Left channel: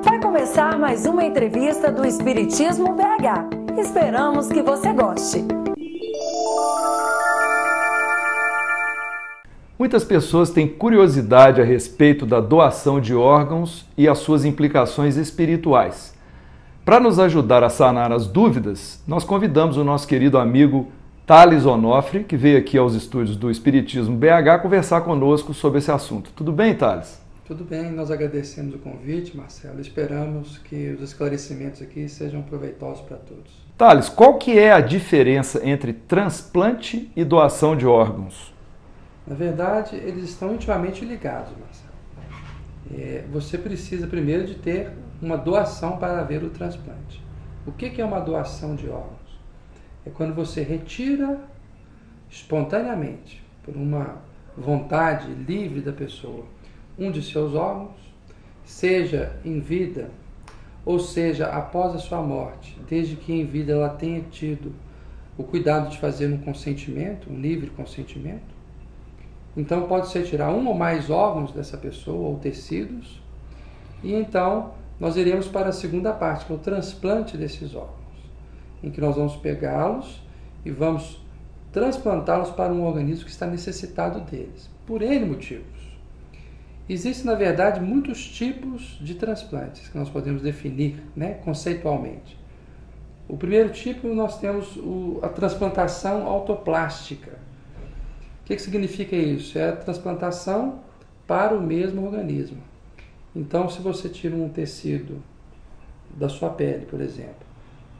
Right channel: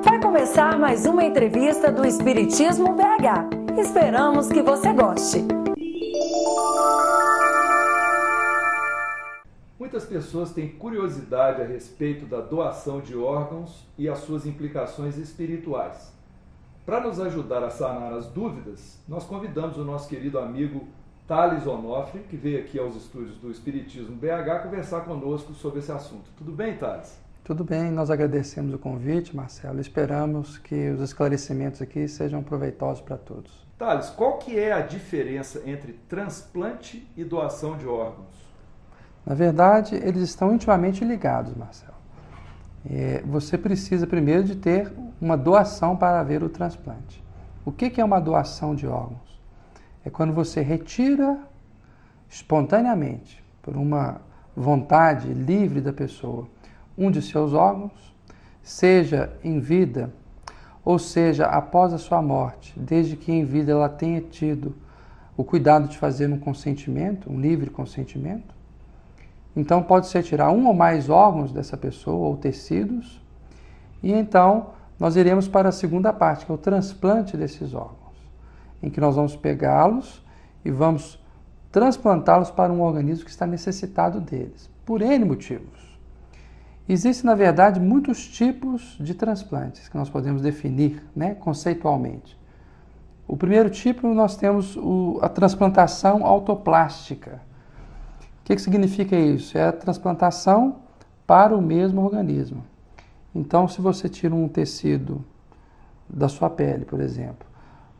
Vai começar mais uma entrevista do Espiritismo BH. Esperamos que você goste. Muitas pessoas têm curiosidade a respeito da doação de órgãos e as suas implicações espirituais. Para nos ajudar a sanar as dúvidas, nós convidamos o nosso querido amigo Thales Onofre, que veio aqui aos estúdios do Espiritismo BH conversar conosco sobre esse assunto. Tudo bem, Thales? Tudo bem, nós agradecemos o convite, Marcelo. Esperamos que os esclarecimentos aqui sejam proveitosos para todos. Thales, qual que é a diferença entre transplante e doação de órgãos? Na verdade, eles estão intimamente ligados, Marcelo. Você precisa primeiro de ter uma doação para haver o transplante. O que é uma doação de órgãos? É quando você retira espontaneamente, por uma vontade livre da pessoa, um de seus órgãos, seja em vida ou seja após a sua morte, desde que em vida ela tenha tido o cuidado de fazer um consentimento, um livre consentimento. Então pode-se retirar um ou mais órgãos dessa pessoa ou tecidos, e então nós iremos para a segunda parte, que é o transplante desses órgãos, em que nós vamos pegá-los e vamos transplantá-los para um organismo que está necessitado deles, por N motivos. Existem, na verdade, muitos tipos de transplantes que nós podemos definir, conceitualmente. O primeiro tipo, nós temos a transplantação autoplástica. O que significa isso? É a transplantação para o mesmo organismo. Então, se você tira um tecido da sua pele, por exemplo,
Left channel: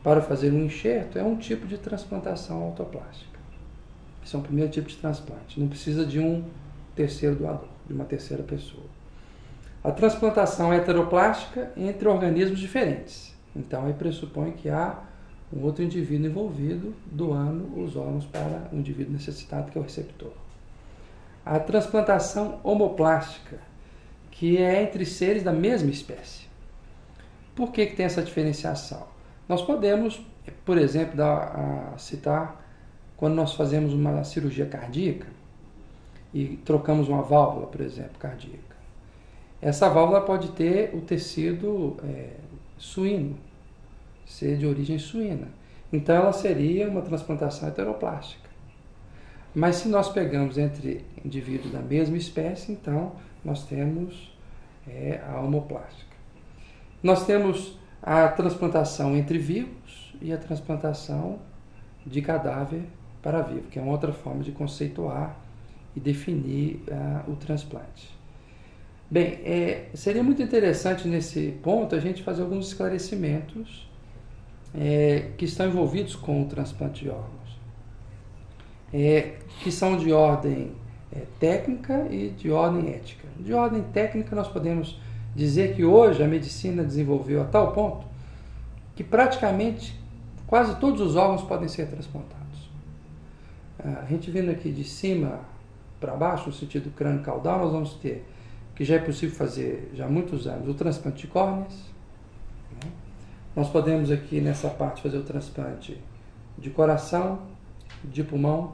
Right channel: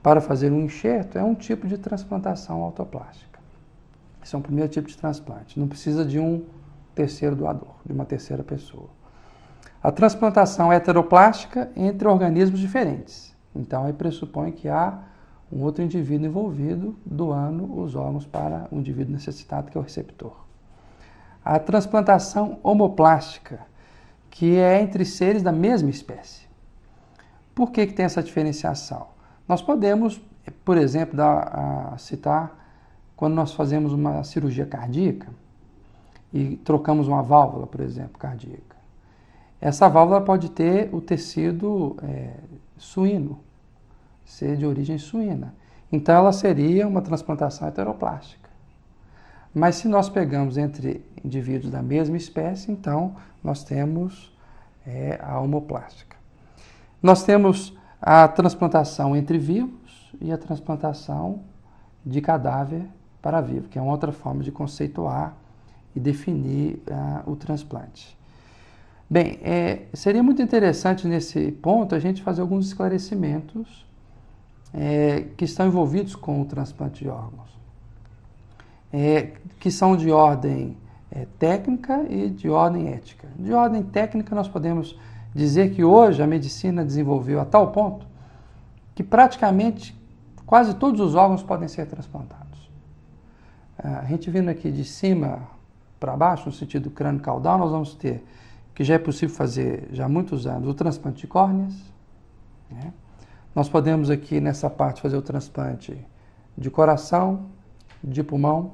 para fazer um enxerto, é um tipo de transplantação autoplástica. Esse é um primeiro tipo de transplante. Não precisa de um terceiro doador, de uma terceira pessoa. A transplantação heteroplástica entre organismos diferentes. Então, aí pressupõe que há um outro indivíduo envolvido doando os órgãos para um indivíduo necessitado, que é o receptor. A transplantação homoplástica, que é entre seres da mesma espécie. Por que tem essa diferenciação? Nós podemos, por exemplo, citar quando nós fazemos uma cirurgia cardíaca e trocamos uma válvula, por exemplo, cardíaca. Essa válvula pode ter o tecido suíno, ser de origem suína. Então, ela seria uma transplantação heteroplástica. Mas se nós pegamos entre indivíduos da mesma espécie, então nós temos a homoplástica. Nós temos a transplantação entre vivos e a transplantação de cadáver para vivo, que é uma outra forma de conceituar e definir o transplante. Bem, seria muito interessante nesse ponto a gente fazer alguns esclarecimentos que estão envolvidos com o transplante de órgãos, que são de ordem técnica e de ordem ética. De ordem técnica, nós podemos dizer que hoje a medicina desenvolveu a tal ponto que praticamente quase todos os órgãos podem ser transplantados. A gente vindo aqui de cima para baixo, no sentido crânio-caudal, nós vamos ter, que já é possível fazer já há muitos anos, o transplante de córneas. Nós podemos aqui nessa parte fazer o transplante de coração, de pulmão.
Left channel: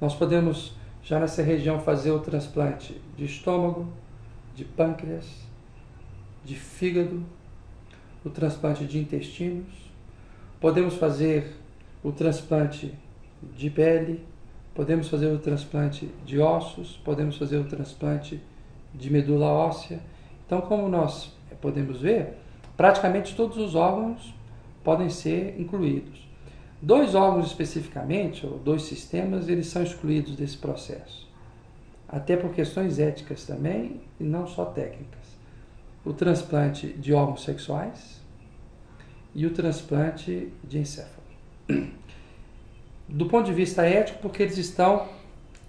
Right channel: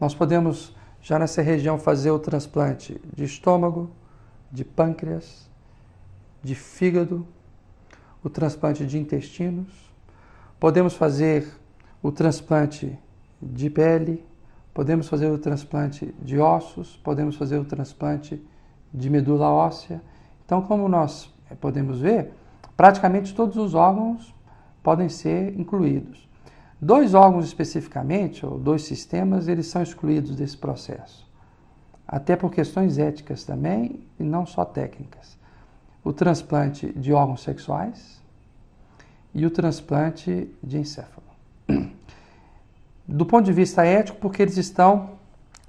Nós podemos já nessa região fazer o transplante de estômago, de pâncreas, de fígado, o transplante de intestinos. Podemos fazer o transplante de pele, podemos fazer o transplante de ossos, podemos fazer o transplante de medula óssea. Então, como nós podemos ver, praticamente todos os órgãos podem ser incluídos. 2 órgãos especificamente, ou 2 sistemas, eles são excluídos desse processo. Até por questões éticas também, e não só técnicas. O transplante de órgãos sexuais e o transplante de encéfalo. Do ponto de vista ético, porque eles estão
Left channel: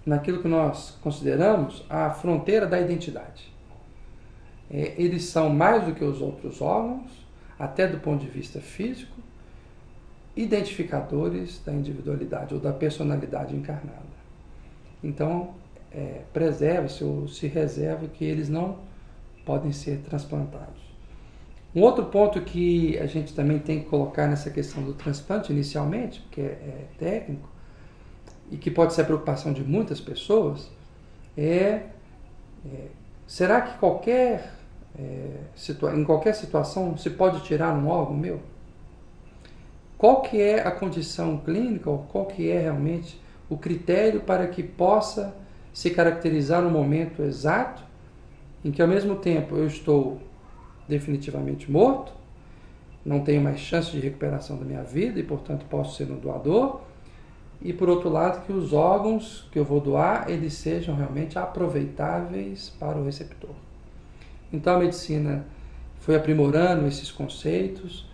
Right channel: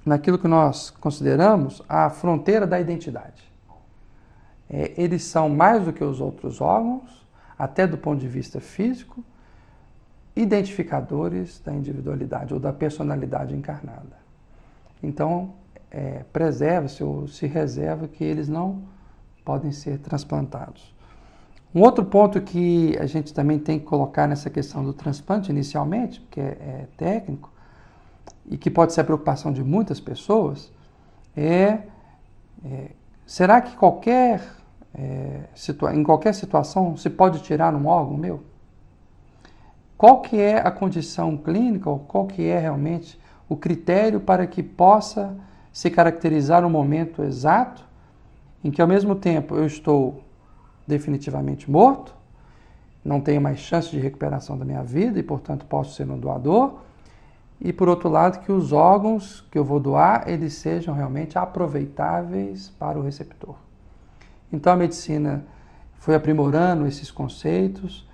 naquilo que nós consideramos a fronteira da identidade. Eles são mais do que os outros órgãos, até do ponto de vista físico, identificadores da individualidade ou da personalidade encarnada. Então, preserva-se ou se reserva que eles não podem ser transplantados. Um outro ponto que a gente também tem que colocar nessa questão do transplante inicialmente, que é técnico, e que pode ser a preocupação de muitas pessoas, será que qualquer em qualquer situação, se pode tirar um órgão meu? Qual que é a condição clínica, ou qual que é realmente o critério para que possa se caracterizar um momento exato em que, ao mesmo tempo, eu estou definitivamente morto, não tenho mais chance de recuperação da minha vida e, portanto, posso ser um doador, e, por outro lado, que os órgãos que eu vou doar, eles sejam realmente aproveitáveis para o receptor. Então, a medicina foi aprimorando esses conceitos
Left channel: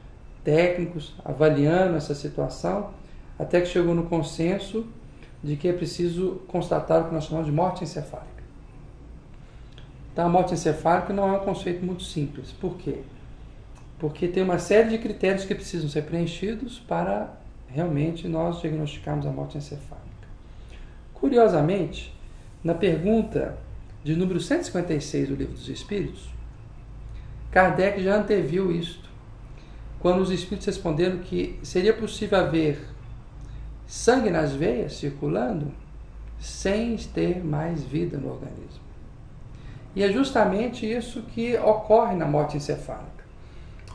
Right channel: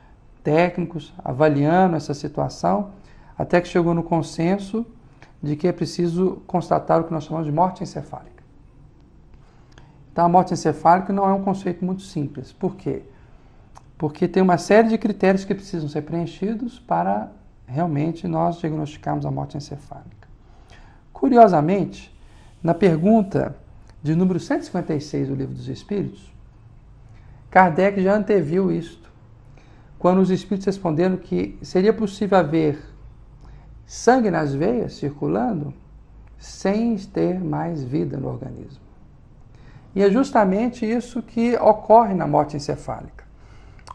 técnicos, avaliando essa situação, até que chegou no consenso de que é preciso constatar o que nós chamamos de morte encefálica. Então, a morte encefálica não é um conceito muito simples. Por quê? Porque tem uma série de critérios que precisam ser preenchidos para realmente nós diagnosticarmos a morte encefálica. Curiosamente, na pergunta de número 156 do Livro dos Espíritos, Kardec já anteviu isto, quando os Espíritos responderam que seria possível haver sangue nas veias circulando sem ter mais vida no organismo. E é justamente isso que ocorre na morte encefálica.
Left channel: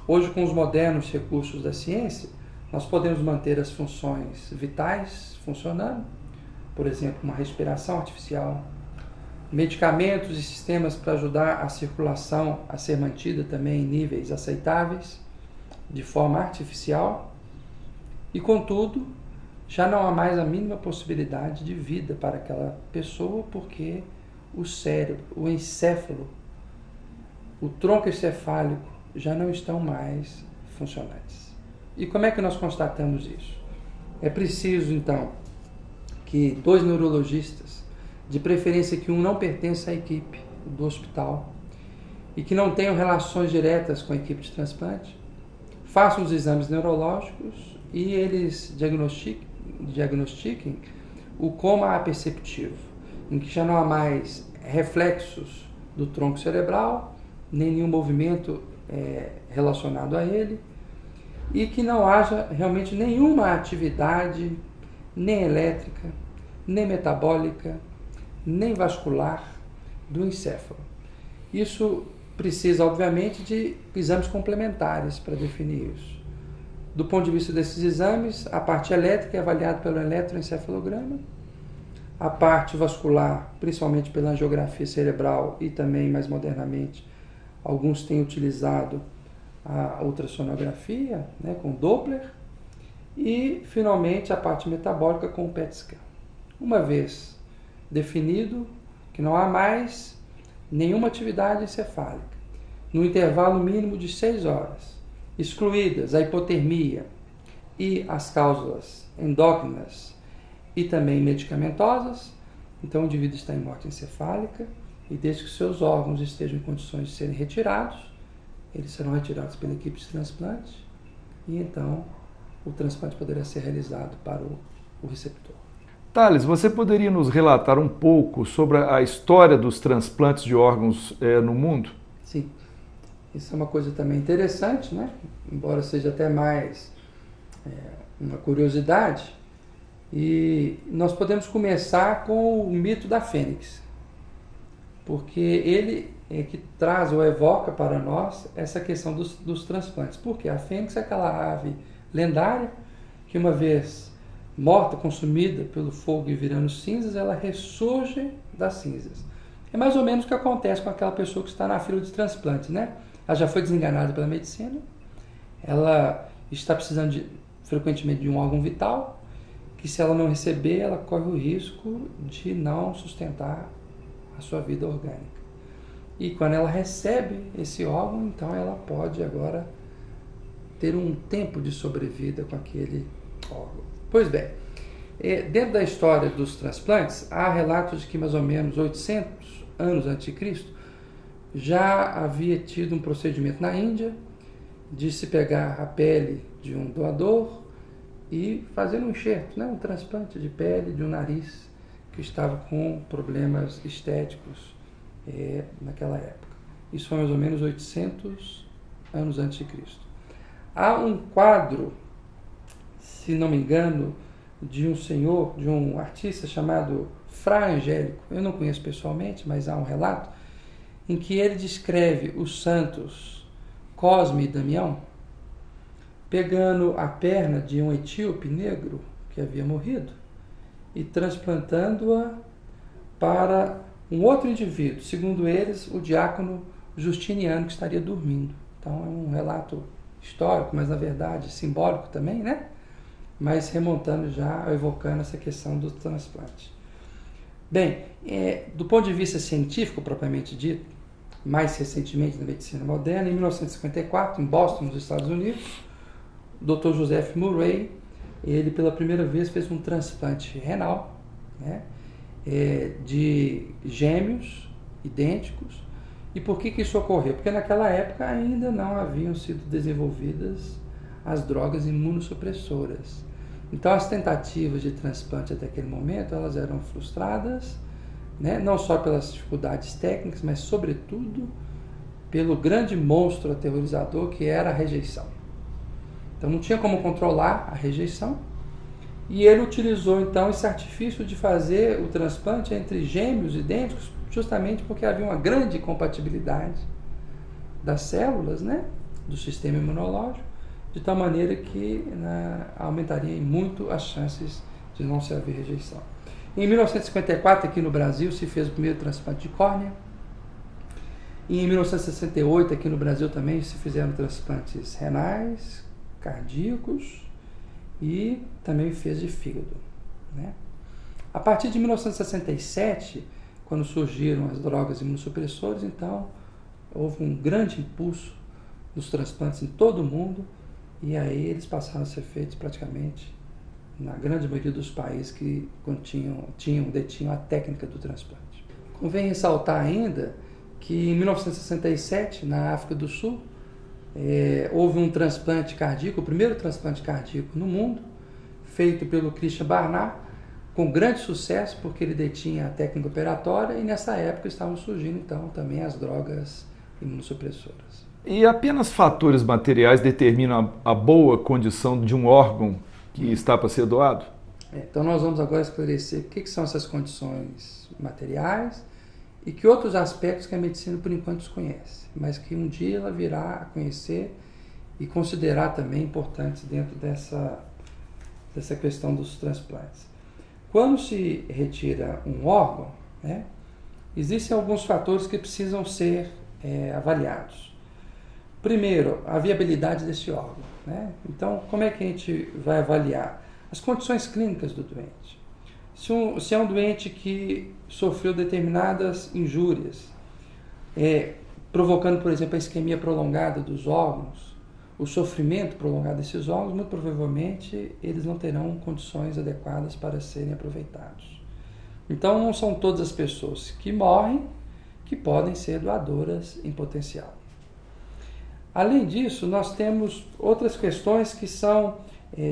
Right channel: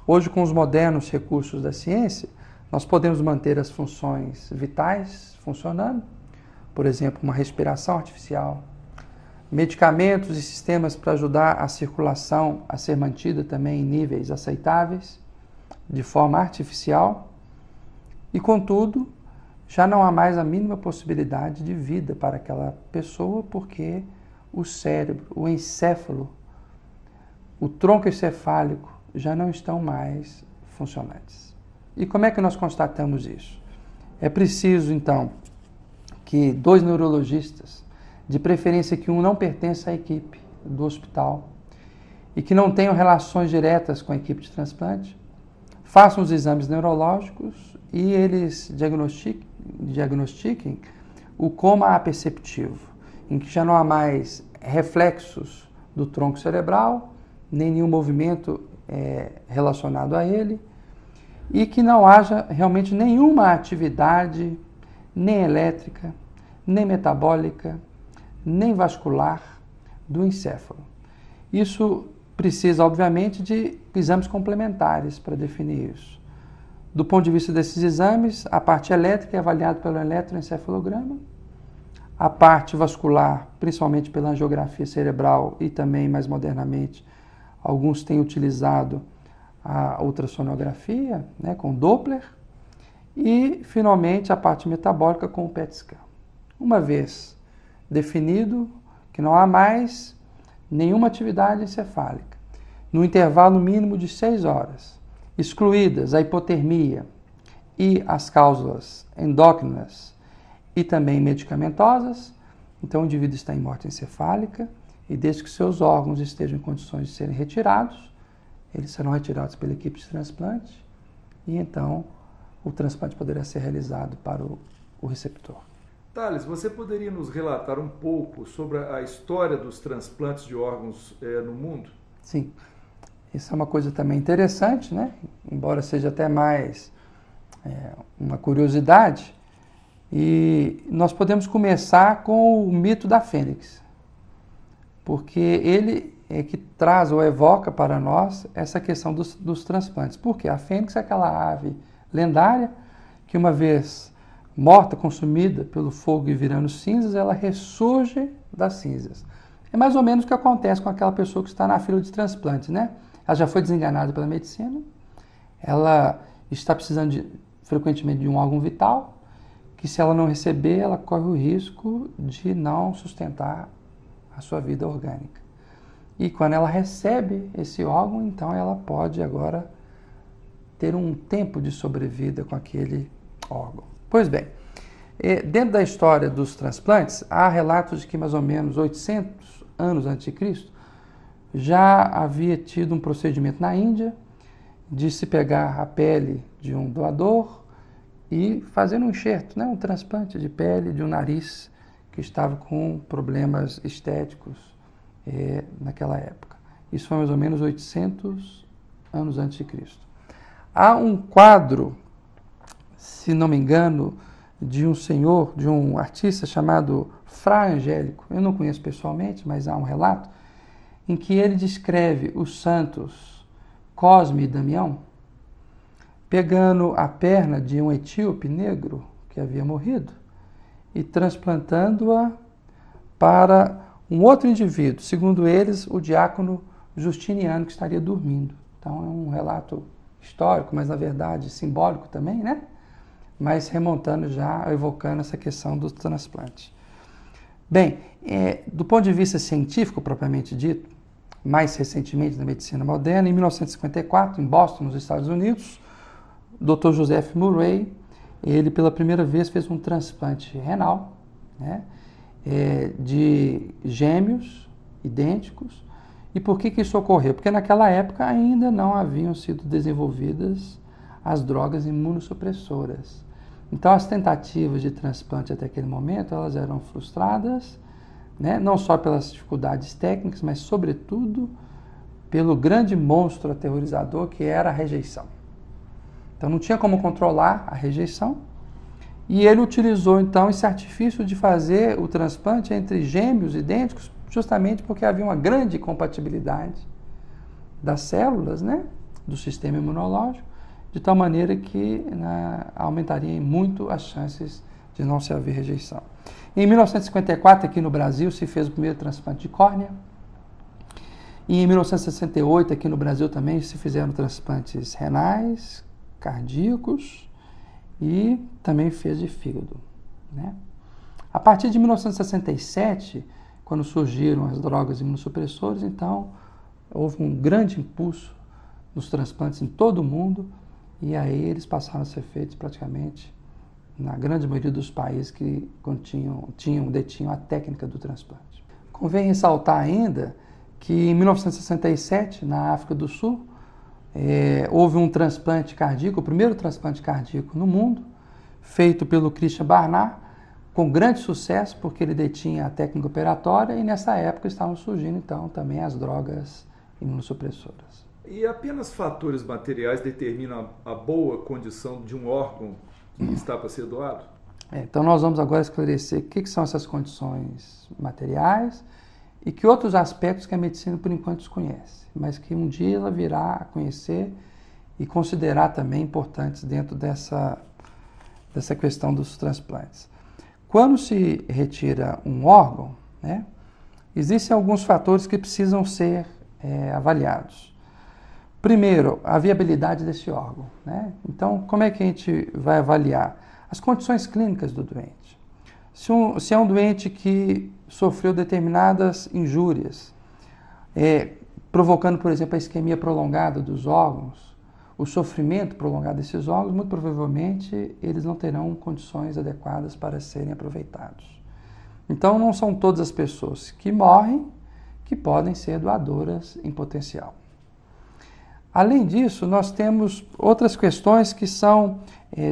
Hoje, com os modernos recursos da ciência, nós podemos manter as funções vitais funcionando, por exemplo, uma respiração artificial, medicamentos e sistemas para ajudar a circulação a ser mantida também em níveis aceitáveis, de forma artificial, e, contudo, já não há mais a mínima possibilidade de vida para aquela pessoa, porque o cérebro, o encéfalo, o tronco encefálico já não estão mais funcionantes. E como é que nós constatamos isso? É preciso, então, que 2 neurologistas, de preferência que um não pertença à equipe do hospital e que não tenham relações diretas com a equipe de transplante, façam os exames neurológicos e eles diagnostiquem o coma aperceptivo, em que já não há mais reflexos do tronco cerebral, nem nenhum movimento relacionado a ele, e que não haja realmente nenhuma atividade, nem elétrica, nem metabólica, nem vascular do encéfalo. Isso precisa, obviamente, de exames complementares para definir isso. Do ponto de vista desses exames, a parte elétrica é avaliada pelo eletroencefalograma, a parte vascular, principalmente pela angiografia cerebral e também, mais modernamente, alguns têm utilizado a ultrassonografia, né, com Doppler, e, finalmente, a parte metabólica com o PET scan. Uma vez definido que não há mais nenhuma atividade encefálica, no intervalo mínimo de 6 horas, excluídas a hipotermia e as causas endócrinas e também medicamentosas, então o indivíduo está em morte encefálica e desde que seus órgãos estejam em condições de serem retirados, eles serão retirados pela equipe de transplante e então o transplante poderá ser realizado para o receptor. Thales, você poderia nos relatar um pouco sobre a história dos transplantes de órgãos no mundo? Sim, isso é uma coisa também interessante, né? Embora seja até mais uma curiosidade. E nós podemos começar com o mito da fênix, porque ele é que traz ou evoca para nós essa questão dos transplantes. Porque a fênix é aquela ave lendária que, uma vez morta, consumida pelo fogo e virando cinzas, ela ressurge das cinzas. É mais ou menos o que acontece com aquela pessoa que está na fila de transplante, né? Ela já foi desenganada pela medicina, ela está precisando frequentemente de um órgão vital, que se ela não receber, ela corre o risco de não sustentar a sua vida orgânica. E quando ela recebe esse órgão, então ela pode agora ter um tempo de sobrevida com aquele órgão. Pois bem, dentro da história dos transplantes, há relatos de que mais ou menos 800 anos antes de Cristo já havia tido um procedimento na Índia de se pegar a pele de um doador e fazer um enxerto, né, um transplante de pele de um nariz que estava com problemas estéticos naquela época. Isso foi mais ou menos 800 anos antes de Cristo. Há um quadro, se não me engano, de um senhor, de um artista chamado Fra Angélico. Eu não conheço pessoalmente, mas há um relato em que ele descreve os santos Cosme e Damião pegando a perna de um etíope negro que havia morrido e transplantando-a para um outro indivíduo, segundo eles, o diácono Justiniano, que estaria dormindo. Então é um relato histórico, mas na verdade simbólico também, né? Mas remontando já, evocando essa questão do transplante. Bem, do ponto de vista científico, propriamente dito, mais recentemente na medicina moderna, em 1954, em Boston, nos Estados Unidos, o Dr. Joseph Murray, ele pela primeira vez fez um transplante renal, né, de gêmeos idênticos. E por que isso ocorreu? Porque naquela época ainda não haviam sido desenvolvidas as drogas imunossupressoras. Então as tentativas de transplante até aquele momento, elas eram frustradas, né, não só pelas dificuldades técnicas, mas sobretudo pelo grande monstro aterrorizador que era a rejeição. Então não tinha como controlar a rejeição, e ele utilizou então esse artifício de fazer o transplante entre gêmeos idênticos, justamente porque havia uma grande compatibilidade das células, né, do sistema imunológico, de tal maneira que, né, aumentaria muito as chances de não se haver rejeição. Em 1954, aqui no Brasil, se fez o primeiro transplante de córnea. E em 1968, aqui no Brasil também, se fizeram transplantes renais, cardíacos e também fez de fígado, né? A partir de 1967, quando surgiram as drogas imunossupressoras, então houve um grande impulso nos transplantes em todo o mundo, e aí eles passaram a ser feitos praticamente na grande maioria dos países que detinham a técnica do transplante. Convém ressaltar ainda que em 1967, na África do Sul, houve um transplante cardíaco, o primeiro transplante cardíaco no mundo, feito pelo Christian Barnard, com grande sucesso, porque ele detinha a técnica operatória, e nessa época estavam surgindo então também as drogas imunossupressoras. E apenas fatores materiais determinam a boa condição de um órgão que está para ser doado? Então nós vamos agora esclarecer o que são essas condições materiais e que outros aspectos que a medicina por enquanto desconhece, mas que um dia ela virá a conhecer e considerar também importantes dentro dessa questão dos transplantes. Quando se retira um órgão, né, existem alguns fatores que precisam ser avaliados. Primeiro, a viabilidade desse órgão, né? Então, como é que a gente vai avaliar? As condições clínicas do doente. Se é um doente que sofreu determinadas injúrias, provocando, por exemplo, a isquemia prolongada dos órgãos, o sofrimento prolongado desses órgãos, muito provavelmente eles não terão condições adequadas para serem aproveitados. Então, não são todas as pessoas que morrem que podem ser doadoras em potencial. Além disso, nós temos outras questões que são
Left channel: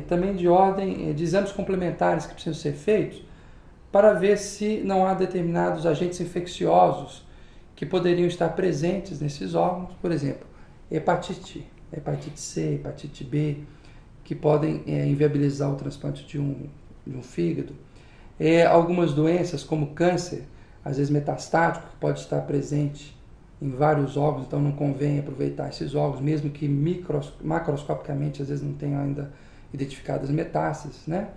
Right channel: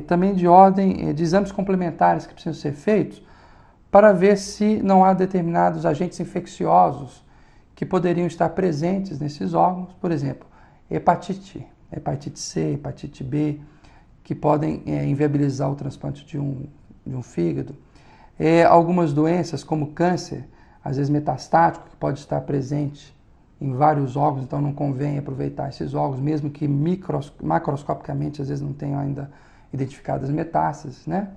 também de ordem de exames complementares que precisam ser feitos para ver se não há determinados agentes infecciosos que poderiam estar presentes nesses órgãos, por exemplo, hepatite C, hepatite B, que podem inviabilizar o transplante de um fígado. Algumas doenças, como câncer, às vezes metastático, que pode estar presente em vários órgãos, então não convém aproveitar esses órgãos, mesmo que macroscopicamente às vezes não tenham ainda identificado as metástases, né?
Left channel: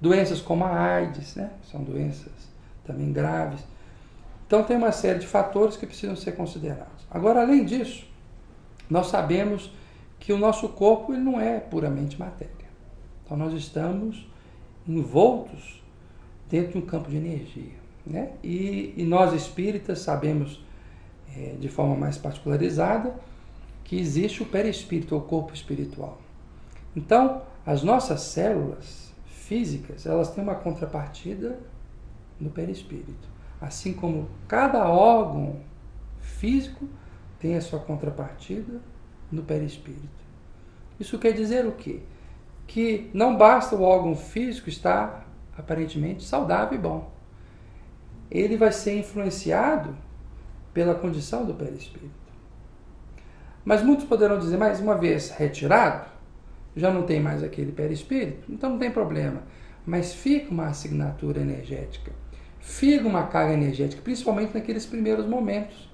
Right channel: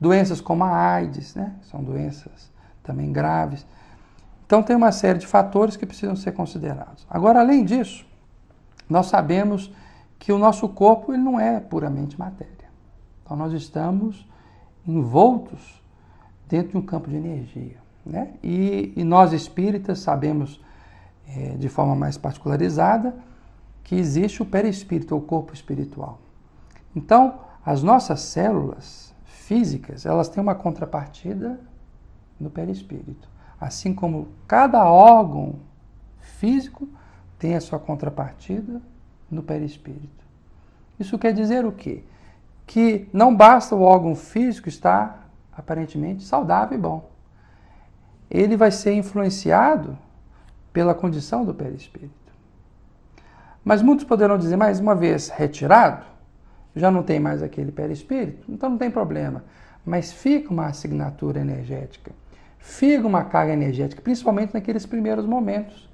Doenças como a AIDS, né? São doenças também graves. Então tem uma série de fatores que precisam ser considerados. Agora, além disso, nós sabemos que o nosso corpo ele não é puramente matéria. Então nós estamos envoltos dentro de um campo de energia, né? E nós espíritas sabemos de forma mais particularizada que existe o perispírito, o corpo espiritual. Então, as nossas células físicas, elas têm uma contrapartida no perispírito. Assim como cada órgão físico tem a sua contrapartida no perispírito. Isso quer dizer o quê? Que não basta o órgão físico estar aparentemente saudável e bom. Ele vai ser influenciado pela condição do perispírito. Mas muitos poderão dizer, mas uma vez retirado, já não tem mais aquele perispírito, então não tem problema. Mas fica uma assinatura energética, fica uma carga energética, principalmente naqueles primeiros momentos,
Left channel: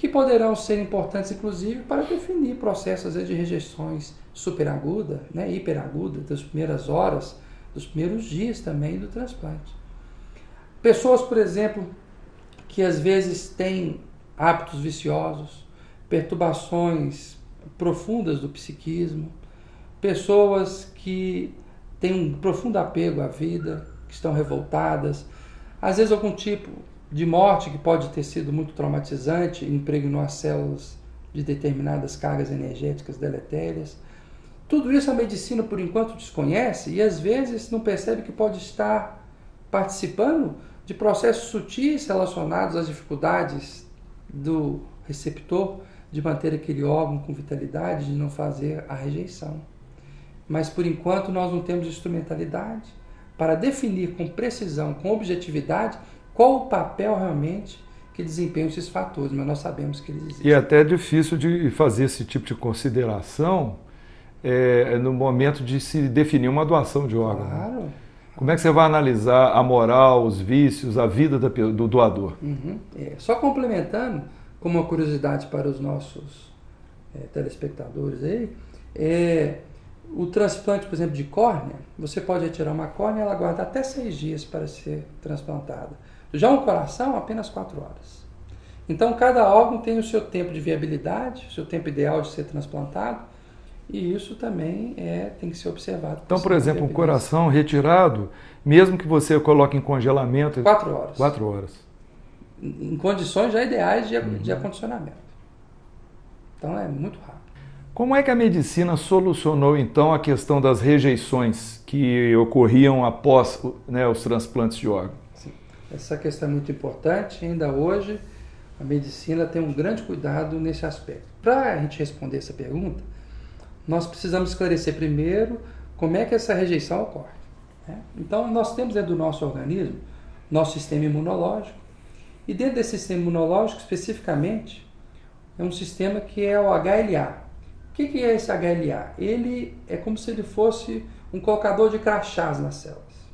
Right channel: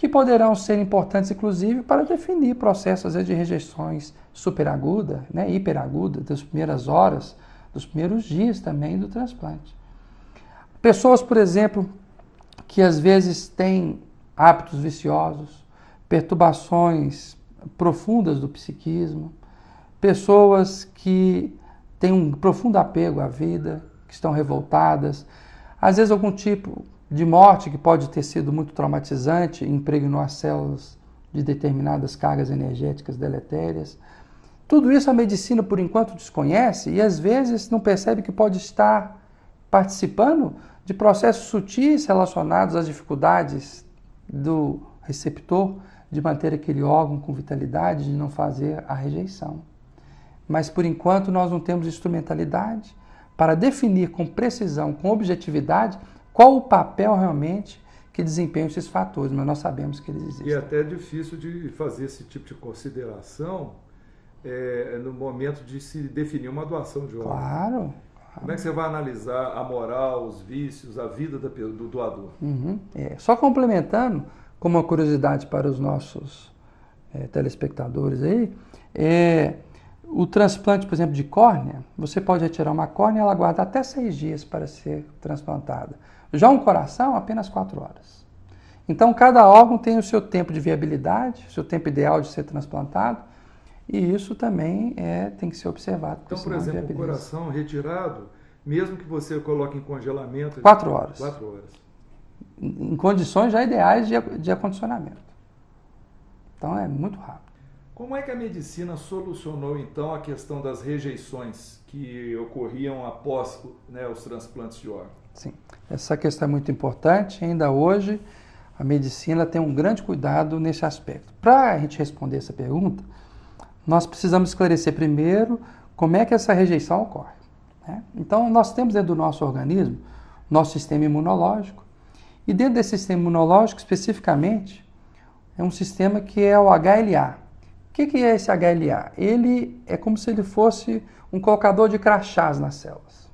que poderão ser importantes, inclusive, para definir processos às vezes, de rejeições superaguda, né, hiperaguda, das primeiras horas, dos primeiros dias também do transplante. Pessoas, por exemplo, que às vezes têm hábitos viciosos, perturbações profundas do psiquismo, pessoas que têm um profundo apego à vida, que estão revoltadas, às vezes algum tipo de morte que pode ter sido muito traumatizante, impregnou as células de determinadas cargas energéticas deletérias. Tudo isso a medicina, por enquanto, desconhece e às vezes não percebe que pode estar participando de processos sutis relacionados às dificuldades do receptor de manter aquele órgão com vitalidade, de não fazer a rejeição. Mas, por enquanto, nós não temos instrumentalidade para definir com precisão, com objetividade, qual o papel realmente que desempenham esses fatores, mas nós sabemos que eles existem. E é até difícil de fazer esse tipo de consideração no momento de se definir uma doação de órgão. Claro. Como é que você vai analisar a moral, os vícios, a vida do doador? Só complementando, como uma curiosidade para os nossos telespectadores aí, o transplante, por exemplo, de córnea, você pode retirar uma córnea e ela aguarda até 6 dias para ser transplantada. Já um coração, apenas 4 horas. Então, cada órgão tem o seu tempo de viabilidade, o seu tempo ideal de ser transplantado, e isso também tem que ser observado. Então, por exemplo, um coração retirado, mesmo que você coloque em congelamento... 4 horas. 4 horas. Em condições já ideais de acondicionamento. Então, é muito rápido. Como é que a medicina solucionou, então, a questão das rejeições que ocorriam após os transplantes de órgãos? Sim, essa questão é muito importante. Ainda hoje, a medicina tem um grande cuidado nesse aspecto. Para a gente responder essa pergunta, nós precisamos esclarecer primeiro como é que essa rejeição ocorre. Né? Então, nós temos dentro do nosso organismo, nosso sistema imunológico, e dentro desse sistema imunológico, especificamente, é um sistema que é o HLA. O que é esse HLA? Ele é como se ele fosse um colocador de crachás nas células.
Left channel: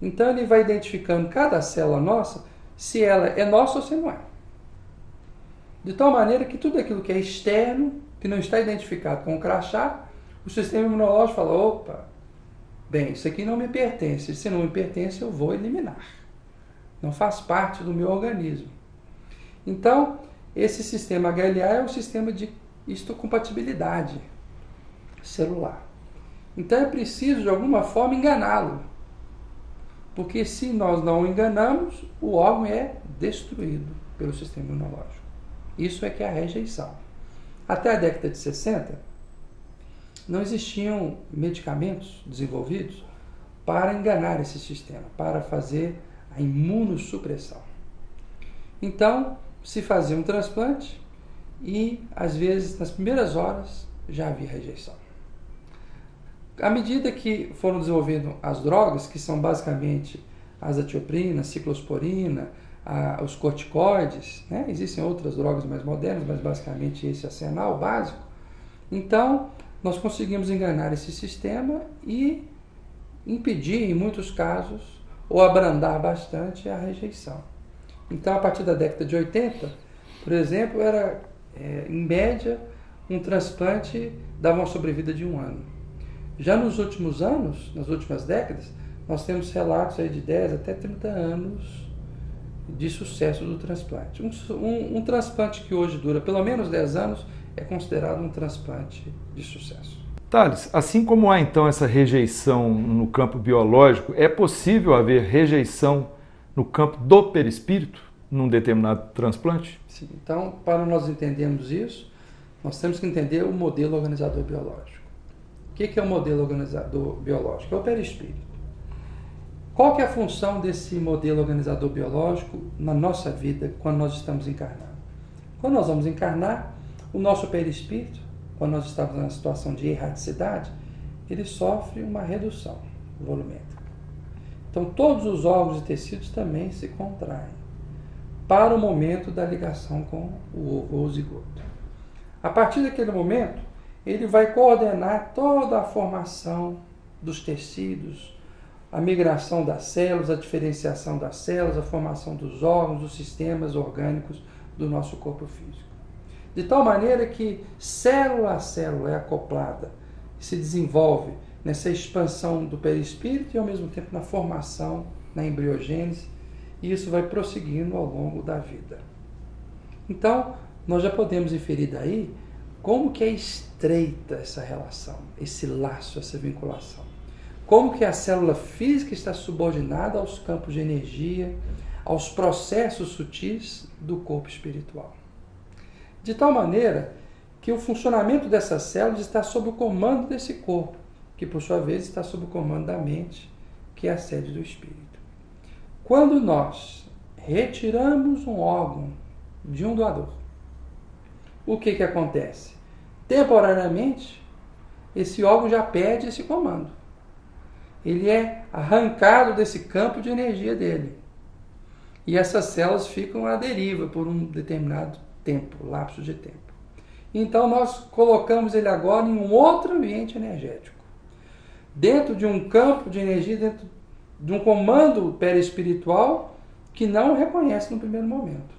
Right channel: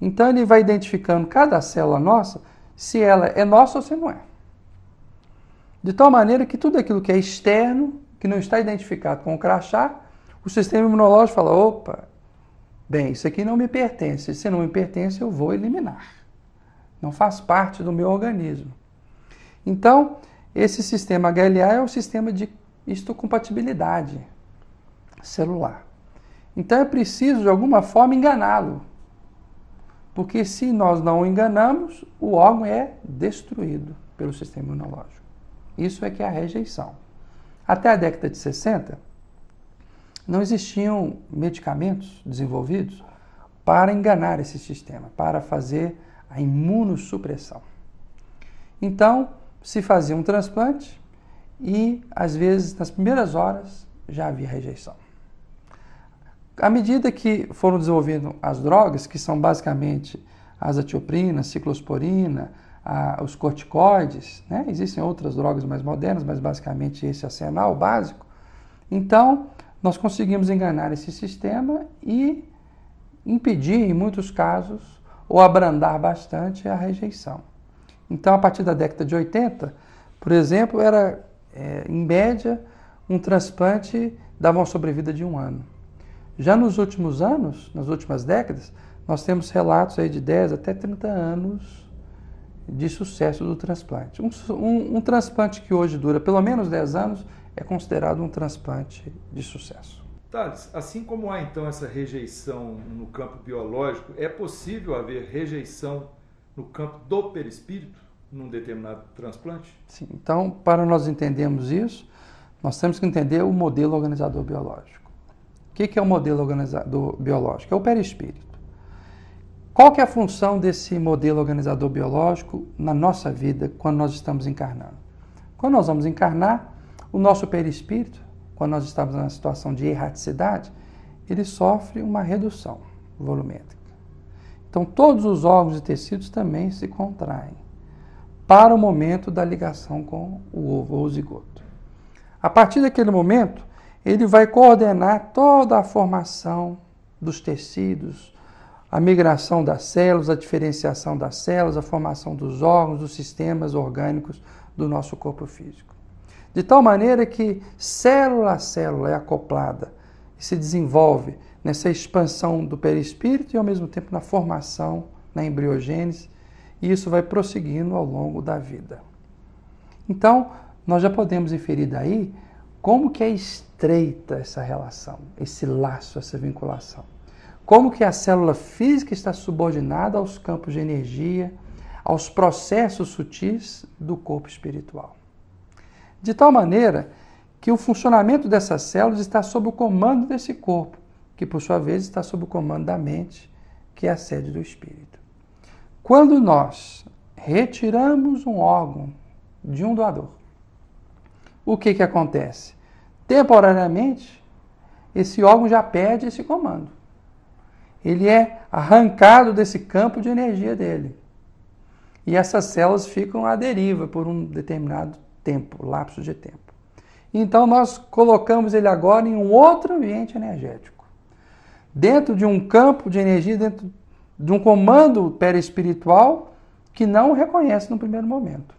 Então, ele vai identificando cada célula nossa, se ela é nossa ou se não é. De tal maneira que tudo aquilo que é externo, que não está identificado com o crachá, o sistema imunológico fala, opa, bem, isso aqui não me pertence, se não me pertence eu vou eliminar. Não faz parte do meu organismo. Então, esse sistema HLA é um sistema de histocompatibilidade celular. Então é preciso, de alguma forma, enganá-lo. Porque se nós não o enganamos, o órgão é destruído pelo sistema imunológico. Isso é que é a rejeição. Até a década de 60, não existiam medicamentos desenvolvidos para enganar esse sistema, para fazer a imunossupressão. Então, se fazia um transplante e, às vezes, nas primeiras horas, já havia rejeição. À medida que foram desenvolvendo as drogas, que são basicamente a azatioprina, a ciclosporina, os corticoides, né? Existem outras drogas mais modernas, mas basicamente esse arsenal básico. Então, nós conseguimos enganar esse sistema e impedir, em muitos casos, ou abrandar bastante a rejeição. Então, a partir da década de 80, por exemplo, era, em média, um transplante dava uma sobrevida de 1 ano. Já nos últimos anos, nas últimas décadas, nós temos relatos aí de 10 até 30 anos de sucesso do transplante. Um transplante que hoje dura pelo menos 10 anos é considerado um transplante de sucesso. Thales, assim como há então essa rejeição no campo biológico, é possível haver rejeição no campo do perispírito num determinado transplante? Sim. Então, para nós entendermos isso, nós temos que entender o modelo organizador biológico. O que é o modelo organizador biológico? É o perispírito. Qual que é a função desse modelo organizador biológico na nossa vida quando nós estamos encarnando? Quando nós vamos encarnar, o nosso perispírito, quando nós estamos na situação de erraticidade, ele sofre uma redução volumétrica. Então, todos os órgãos e tecidos também se contraem para o momento da ligação com o ovo ou o zigoto. A partir daquele momento, ele vai coordenar toda a formação dos tecidos, a migração das células, a diferenciação das células, a formação dos órgãos, dos sistemas orgânicos do nosso corpo físico. De tal maneira que célula a célula é acoplada e se desenvolve nessa expansão do perispírito e ao mesmo tempo na formação, na embriogênese, e isso vai prosseguindo ao longo da vida. Então, nós já podemos inferir daí como que é estreita essa relação, esse laço, essa vinculação. Como que a célula física está subordinada aos campos de energia, aos processos sutis do corpo espiritual. De tal maneira que o funcionamento dessas células está sob o comando desse corpo, que por sua vez está sob o comando da mente, que é a sede do espírito. Quando nós retiramos um órgão de um doador, o que acontece? Temporariamente, esse órgão já perde esse comando. Ele é arrancado desse campo de energia dele. E essas células ficam à deriva por um determinado tempo, lapso de tempo. Então nós colocamos ele agora em um outro ambiente energético. Dentro de um campo de energia, dentro de um comando perispiritual que não o reconhece no primeiro momento.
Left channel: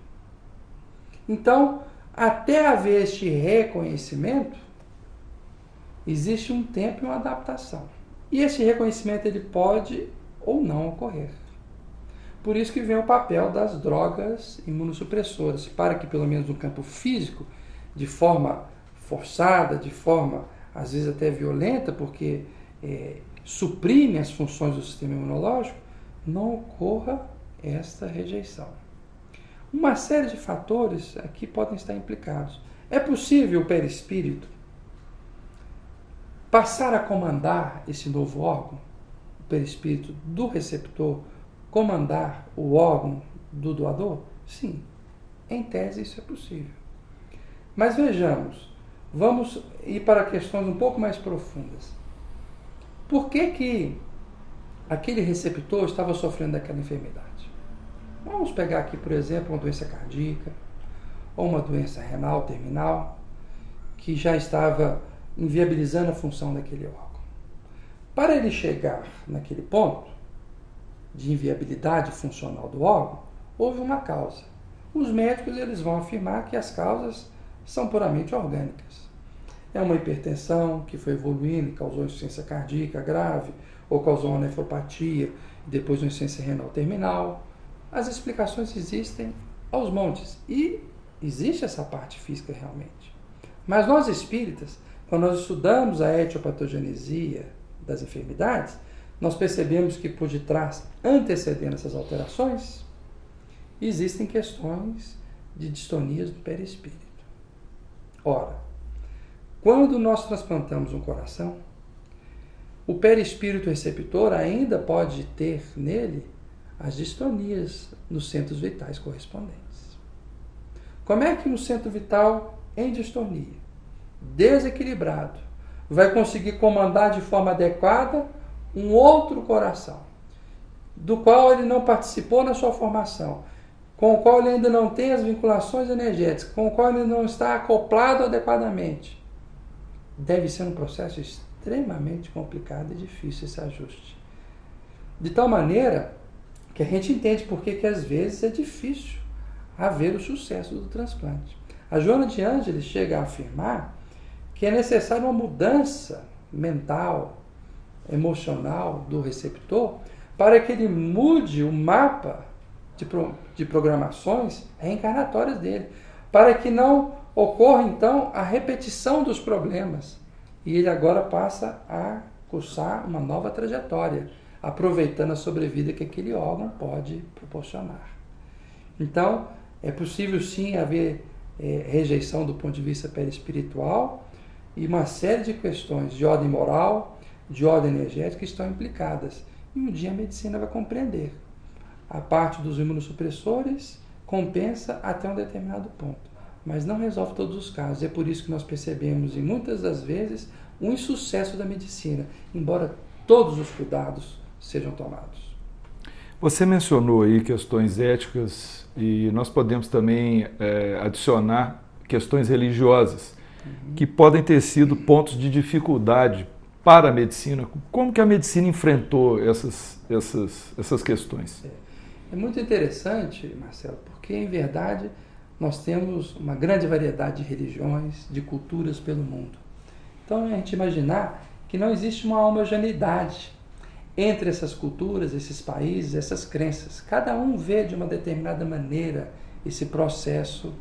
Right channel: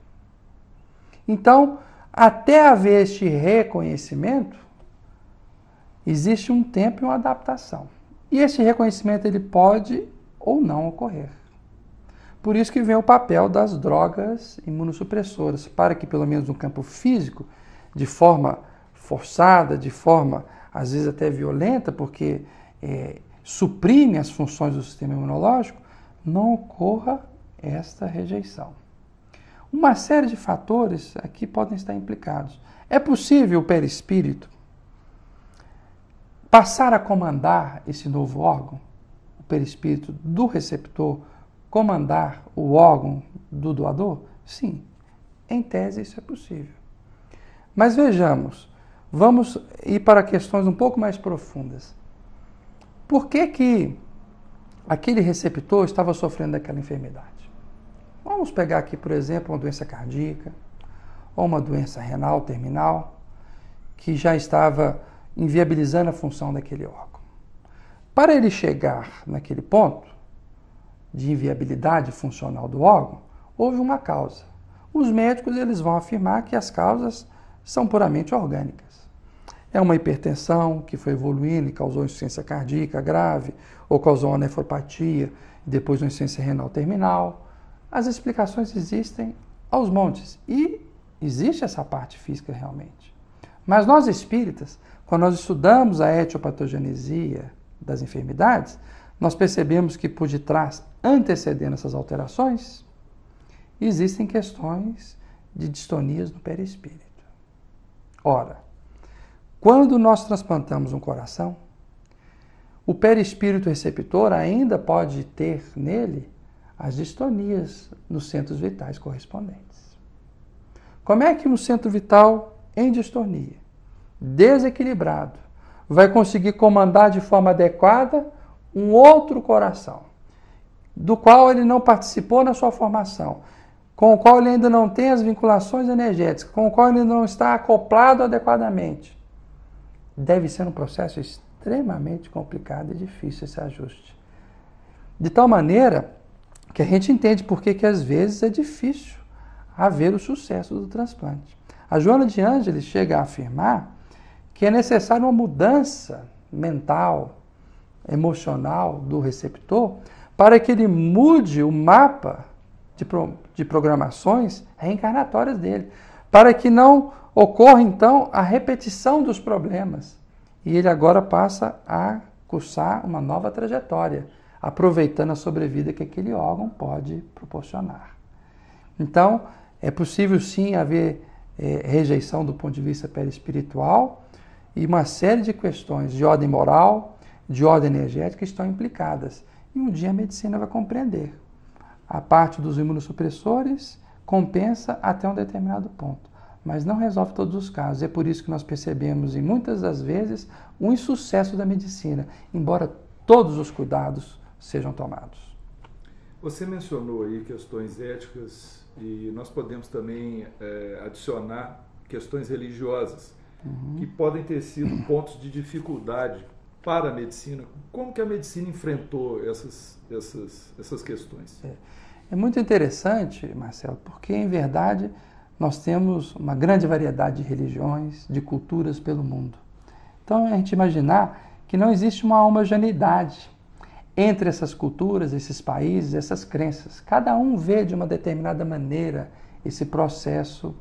Então, até haver este reconhecimento, existe um tempo e uma adaptação. E esse reconhecimento ele pode ou não ocorrer. Por isso que vem o papel das drogas imunossupressoras, para que pelo menos no campo físico, de forma forçada, de forma às vezes até violenta, porque suprime as funções do sistema imunológico, não ocorra esta rejeição. Uma série de fatores aqui podem estar implicados. É possível o perispírito passar a comandar esse novo órgão, o perispírito do receptor, comandar o órgão do doador? Sim, em tese isso é possível. Mas vejamos, vamos ir para questões um pouco mais profundas. Por que aquele receptor estava sofrendo daquela enfermidade? Vamos pegar aqui, por exemplo, uma doença cardíaca ou uma doença renal terminal que já estava inviabilizando a função daquele órgão. Para ele chegar naquele ponto de inviabilidade funcional do órgão, houve uma causa. Os médicos eles vão afirmar que as causas são puramente orgânicas. É uma hipertensão que foi evoluindo e causou insuficiência cardíaca grave, ou causou uma nefropatia e depois uma insuficiência renal terminal. As explicações existem aos montes e existe essa parte física realmente. Mas nós espíritas, quando nós estudamos a etiopatogenesia das enfermidades, nós percebemos que por detrás, antecedendo essas alterações, existem questões de distonias do perispírito. Ora, quando nós transplantamos um coração, o perispírito receptor ainda pode ter nele as distonias nos centros vitais correspondentes. Como é que um centro vital em distonia, desequilibrado, vai conseguir comandar de forma adequada um outro coração, do qual ele não participou na sua formação, com o qual ele ainda não tem as vinculações energéticas, com o qual ele não está acoplado adequadamente? Deve ser um processo extremamente complicado e difícil esse ajuste. De tal maneira que a gente entende por que às vezes é difícil haver o sucesso do transplante. A Joana de Ângeles chega a afirmar que é necessária uma mudança mental, emocional do receptor para que ele mude o mapa de programações reencarnatórias dele, para que não ocorra então a repetição dos problemas e ele agora passa a cursar uma nova trajetória, aproveitando a sobrevida que aquele órgão pode proporcionar. Então, é possível sim haver rejeição do ponto de vista perispiritual e uma série de questões de ordem moral, de ordem energética estão implicadas. E um dia a medicina vai compreender. A parte dos imunossupressores compensa até um determinado ponto, mas não resolve todos os casos. É por isso que nós percebemos, em muitas das vezes, um insucesso da medicina, embora todos os cuidados sejam tomados. Você mencionou aí questões éticas e nós podemos também adicionar questões religiosas que podem ter sido pontos de dificuldade para a medicina. Como que a medicina enfrentou essas questões? É muito interessante, Marcelo, porque, em verdade, nós temos uma grande variedade de religiões, de culturas pelo mundo. Então, a gente imaginar que não existe uma homogeneidade entre essas culturas, esses países, essas crenças. Cada um vê de uma determinada maneira esse processo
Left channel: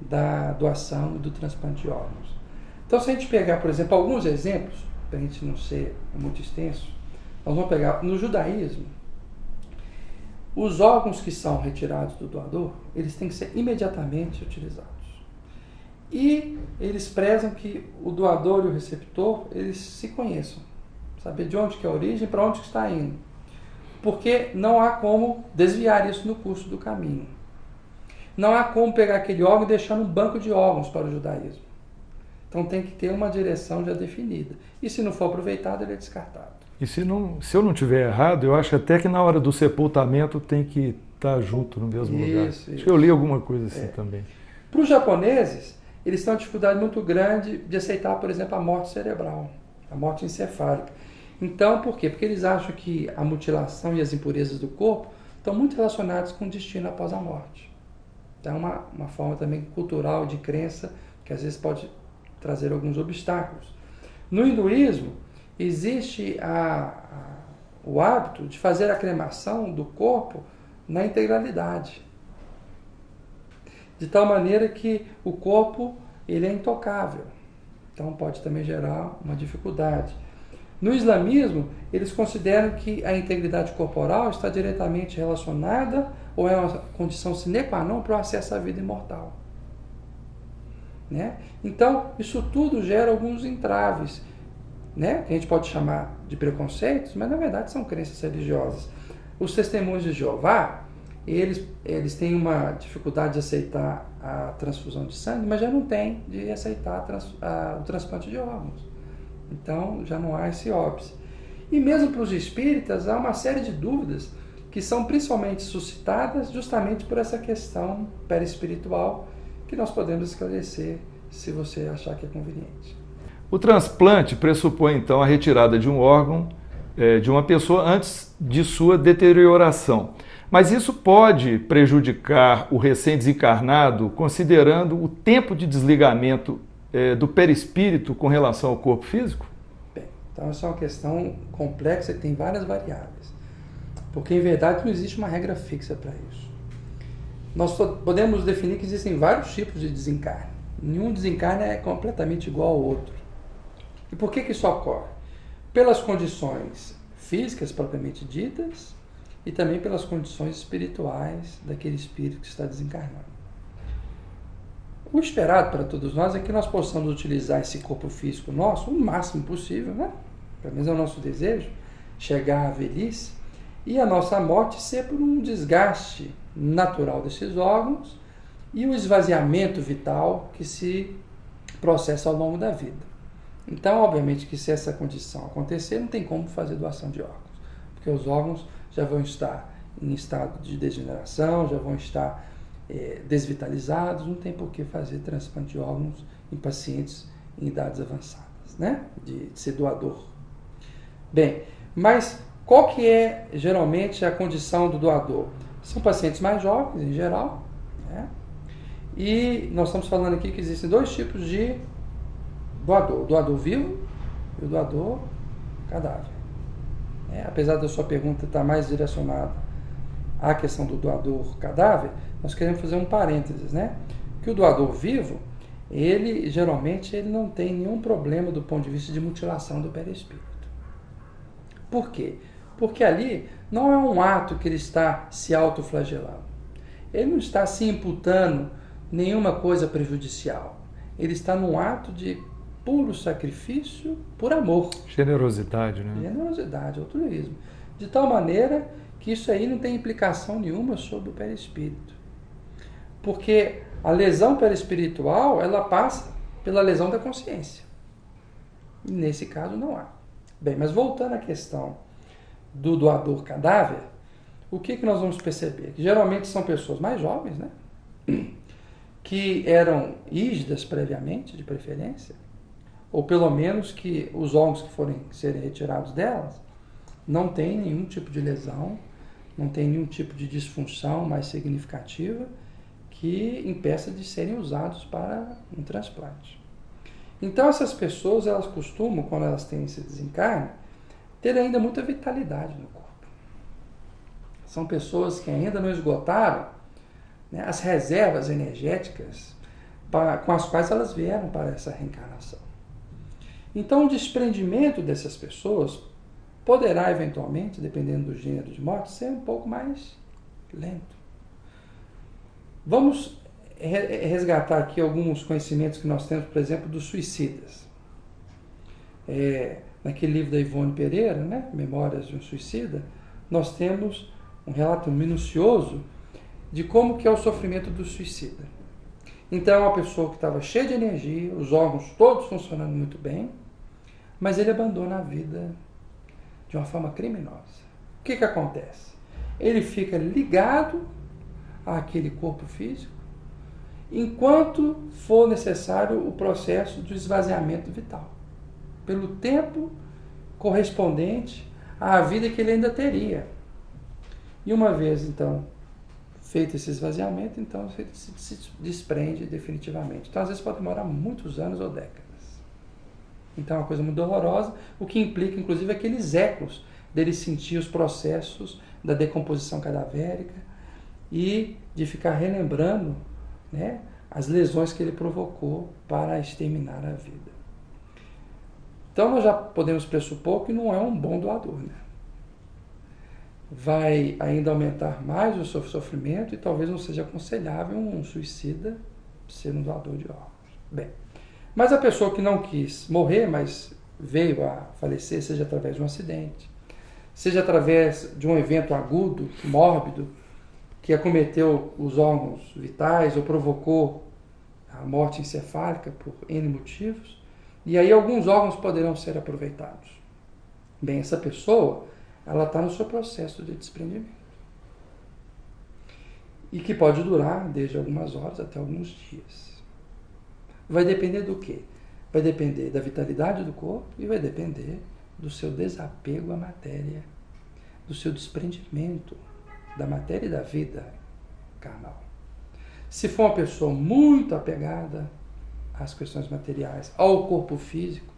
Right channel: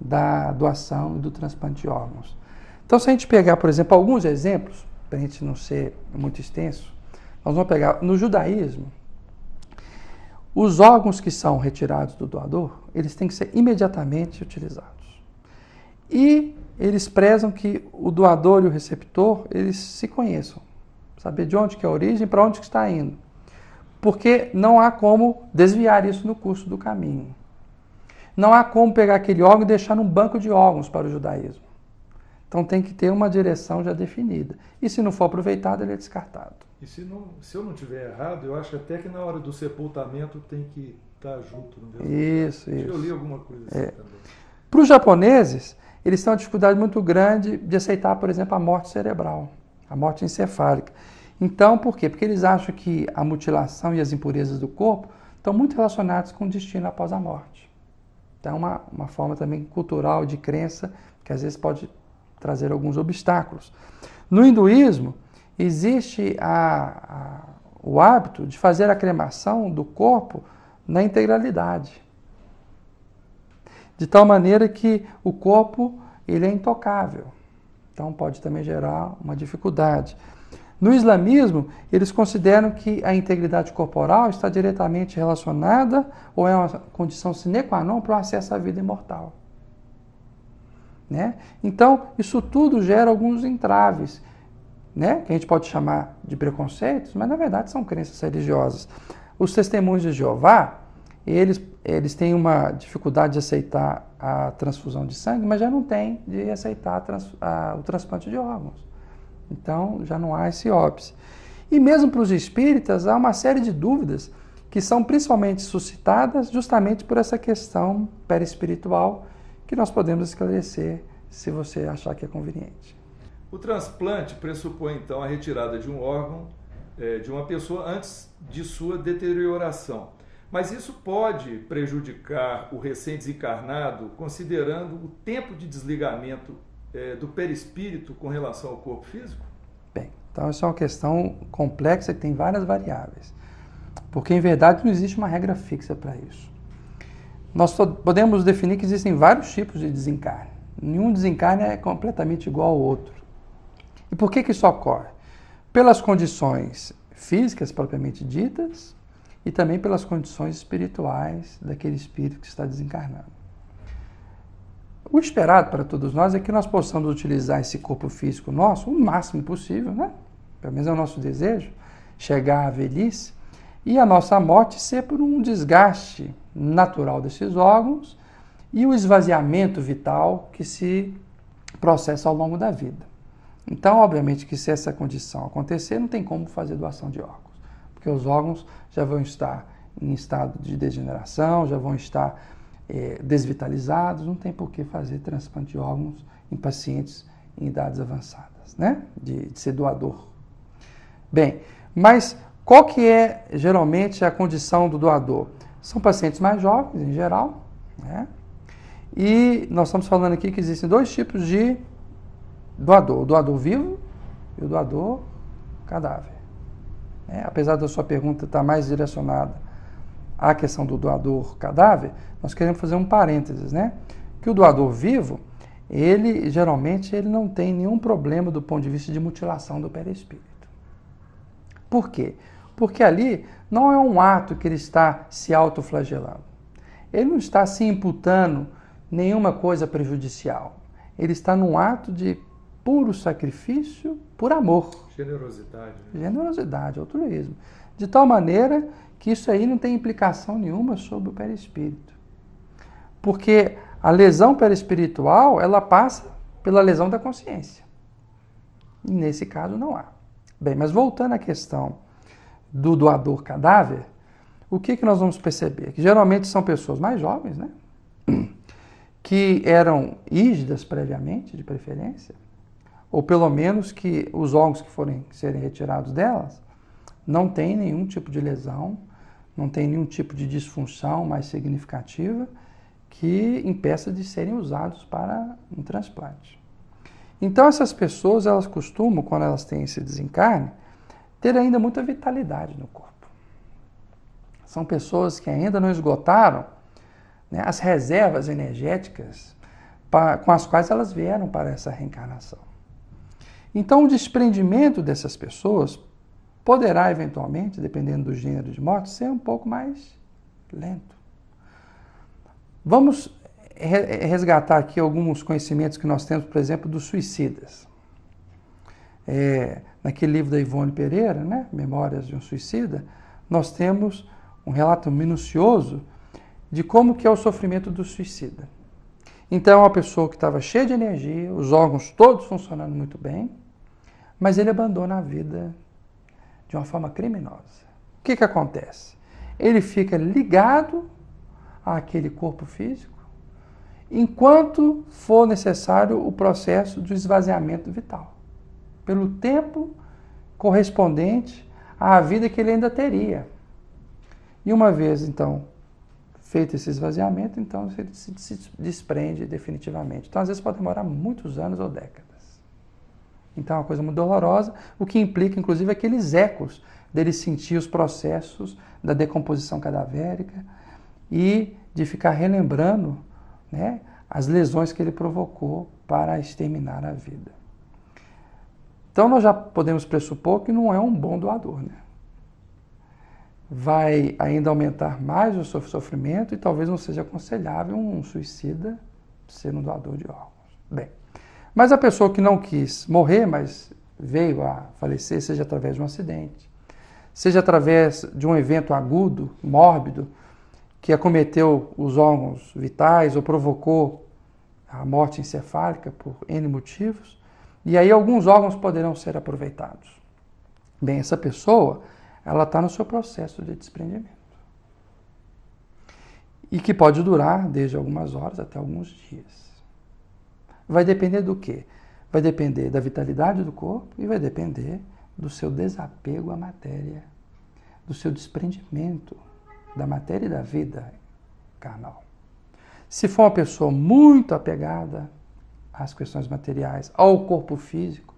da doação e do transplante de órgãos. Então, se a gente pegar, por exemplo, alguns exemplos, para a gente não ser muito extenso, nós vamos pegar no judaísmo, os órgãos que são retirados do doador, eles têm que ser imediatamente utilizados. E eles prezam que o doador e o receptor, eles se conheçam. Saber de onde que é a origem e para onde que está indo. Porque não há como desviar isso no curso do caminho. Não há como pegar aquele órgão e deixar num banco de órgãos para o judaísmo. Então tem que ter uma direção já definida. E se não for aproveitado, ele é descartado. E se eu não tiver errado, eu acho até que na hora do sepultamento tem que estar junto no mesmo lugar. Acho que eu li alguma coisa assim também. Para os japoneses, eles têm uma dificuldade muito grande de aceitar, por exemplo, a morte cerebral, a morte encefálica. Então, por quê? Porque eles acham que a mutilação e as impurezas do corpo estão muito relacionadas com o destino após a morte. Então, é uma forma também cultural de crença que às vezes pode trazer alguns obstáculos. No hinduísmo, existe o hábito de fazer a cremação do corpo na integralidade. De tal maneira que o corpo ele é intocável. Então pode também gerar uma dificuldade. No islamismo, eles consideram que a integridade corporal está diretamente relacionada ou é uma condição sine qua non para o acesso à vida imortal. Né? Então, isso tudo gera alguns entraves, né? Que a gente pode chamar de preconceitos, mas na verdade são crenças religiosas. Os testemunhos de Jeová, eles têm uma dificuldade de aceitar a transfusão de sangue, mas já não têm de aceitar o transplante de órgãos. Então, já não há esse óbice. E mesmo para os espíritas, há uma série de dúvidas que são principalmente suscitadas justamente por essa questão perispiritual que nós podemos esclarecer se você achar que é conveniente. O transplante pressupõe, então, a retirada de um órgão de uma pessoa antes de sua deterioração. Mas isso pode prejudicar o recém-desencarnado, considerando o tempo de desligamento do perispírito com relação ao corpo físico? Bem, então isso é uma questão complexa que tem várias variáveis. Porque, em verdade, não existe uma regra fixa para isso. Nós podemos definir que existem vários tipos de desencarne. Nenhum desencarne é completamente igual ao outro. E por que isso ocorre? Pelas condições físicas propriamente ditas e também pelas condições espirituais daquele espírito que está desencarnando. O esperado para todos nós é que nós possamos utilizar esse corpo físico nosso o máximo possível, né? Pelo menos é o nosso desejo, chegar à velhice e a nossa morte ser por um desgaste natural desses órgãos e o esvaziamento vital que se processa ao longo da vida. Então, obviamente que se essa condição acontecer, não tem como fazer doação de órgãos, porque os órgãos já vão estar em estado de degeneração, já vão estar desvitalizados, não tem por que fazer transplante de órgãos em pacientes em idades avançadas, né? De ser doador. Bem, mas qual que é geralmente a condição do doador? São pacientes mais jovens, em geral, né? E nós estamos falando aqui que existem dois tipos de doador, o doador vivo e o doador cadáver. Apesar da sua pergunta estar mais direcionada à questão do doador cadáver, nós queremos fazer um parênteses, né? Que o doador vivo, ele geralmente não tem nenhum problema do ponto de vista de mutilação do perispírito. Por quê? Porque ali não é um ato que ele está se autoflagelando. Ele não está se imputando nenhuma coisa prejudicial. Ele está num ato de puro sacrifício por amor. Generosidade, né? Generosidade, altruísmo. De tal maneira que isso aí não tem implicação nenhuma sobre o perispírito. Porque a lesão perispiritual, ela passa pela lesão da consciência. E nesse caso não há. Bem, mas voltando à questão do doador cadáver, o que nós vamos perceber? Que geralmente são pessoas mais jovens, né? Que eram rígidas previamente, de preferência, ou pelo menos que os órgãos que forem serem retirados delas não tem nenhum tipo de lesão, não tem nenhum tipo de disfunção mais significativa que impeça de serem usados para um transplante. Então essas pessoas, elas costumam, quando elas têm esse desencarne, ter ainda muita vitalidade no corpo. São pessoas que ainda não esgotaram, né, as reservas energéticas com as quais elas vieram para essa reencarnação. Então o desprendimento dessas pessoas poderá eventualmente, dependendo do gênero de morte, ser um pouco mais lento. Vamos resgatar aqui alguns conhecimentos que nós temos, por exemplo, dos suicidas. Naquele livro da Ivone Pereira, né, Memórias de um Suicida, nós temos um relato minucioso de como que é o sofrimento do suicida. Então, é uma pessoa que estava cheia de energia, os órgãos todos funcionando muito bem, mas ele abandona a vida de uma forma criminosa. O que acontece? Ele fica ligado àquele corpo físico enquanto for necessário o processo do esvaziamento vital, pelo tempo correspondente à vida que ele ainda teria. E uma vez, então, feito esse esvaziamento, então ele se desprende definitivamente. Então, às vezes, pode demorar muitos anos ou décadas. Então, é uma coisa muito dolorosa, o que implica, inclusive, aqueles ecos dele sentir os processos da decomposição cadavérica e de ficar relembrando, né, as lesões que ele provocou para exterminar a vida. Então, nós já podemos pressupor que não é um bom doador, né? Vai ainda aumentar mais o sofrimento e talvez não seja aconselhável um suicida ser um doador de órgãos. Bem, mas a pessoa que não quis morrer, mas veio a falecer, seja através de um acidente, seja através de um evento agudo, mórbido, que acometeu os órgãos vitais ou provocou a morte encefálica por N motivos, e aí alguns órgãos poderão ser aproveitados. Bem, essa pessoa, ela está no seu processo de desprendimento. E que pode durar desde algumas horas até alguns dias. Vai depender do quê? Vai depender da vitalidade do corpo e vai depender do seu desapego à matéria, do seu desprendimento da matéria e da vida carnal. Se for uma pessoa muito apegada às questões materiais, ao corpo físico,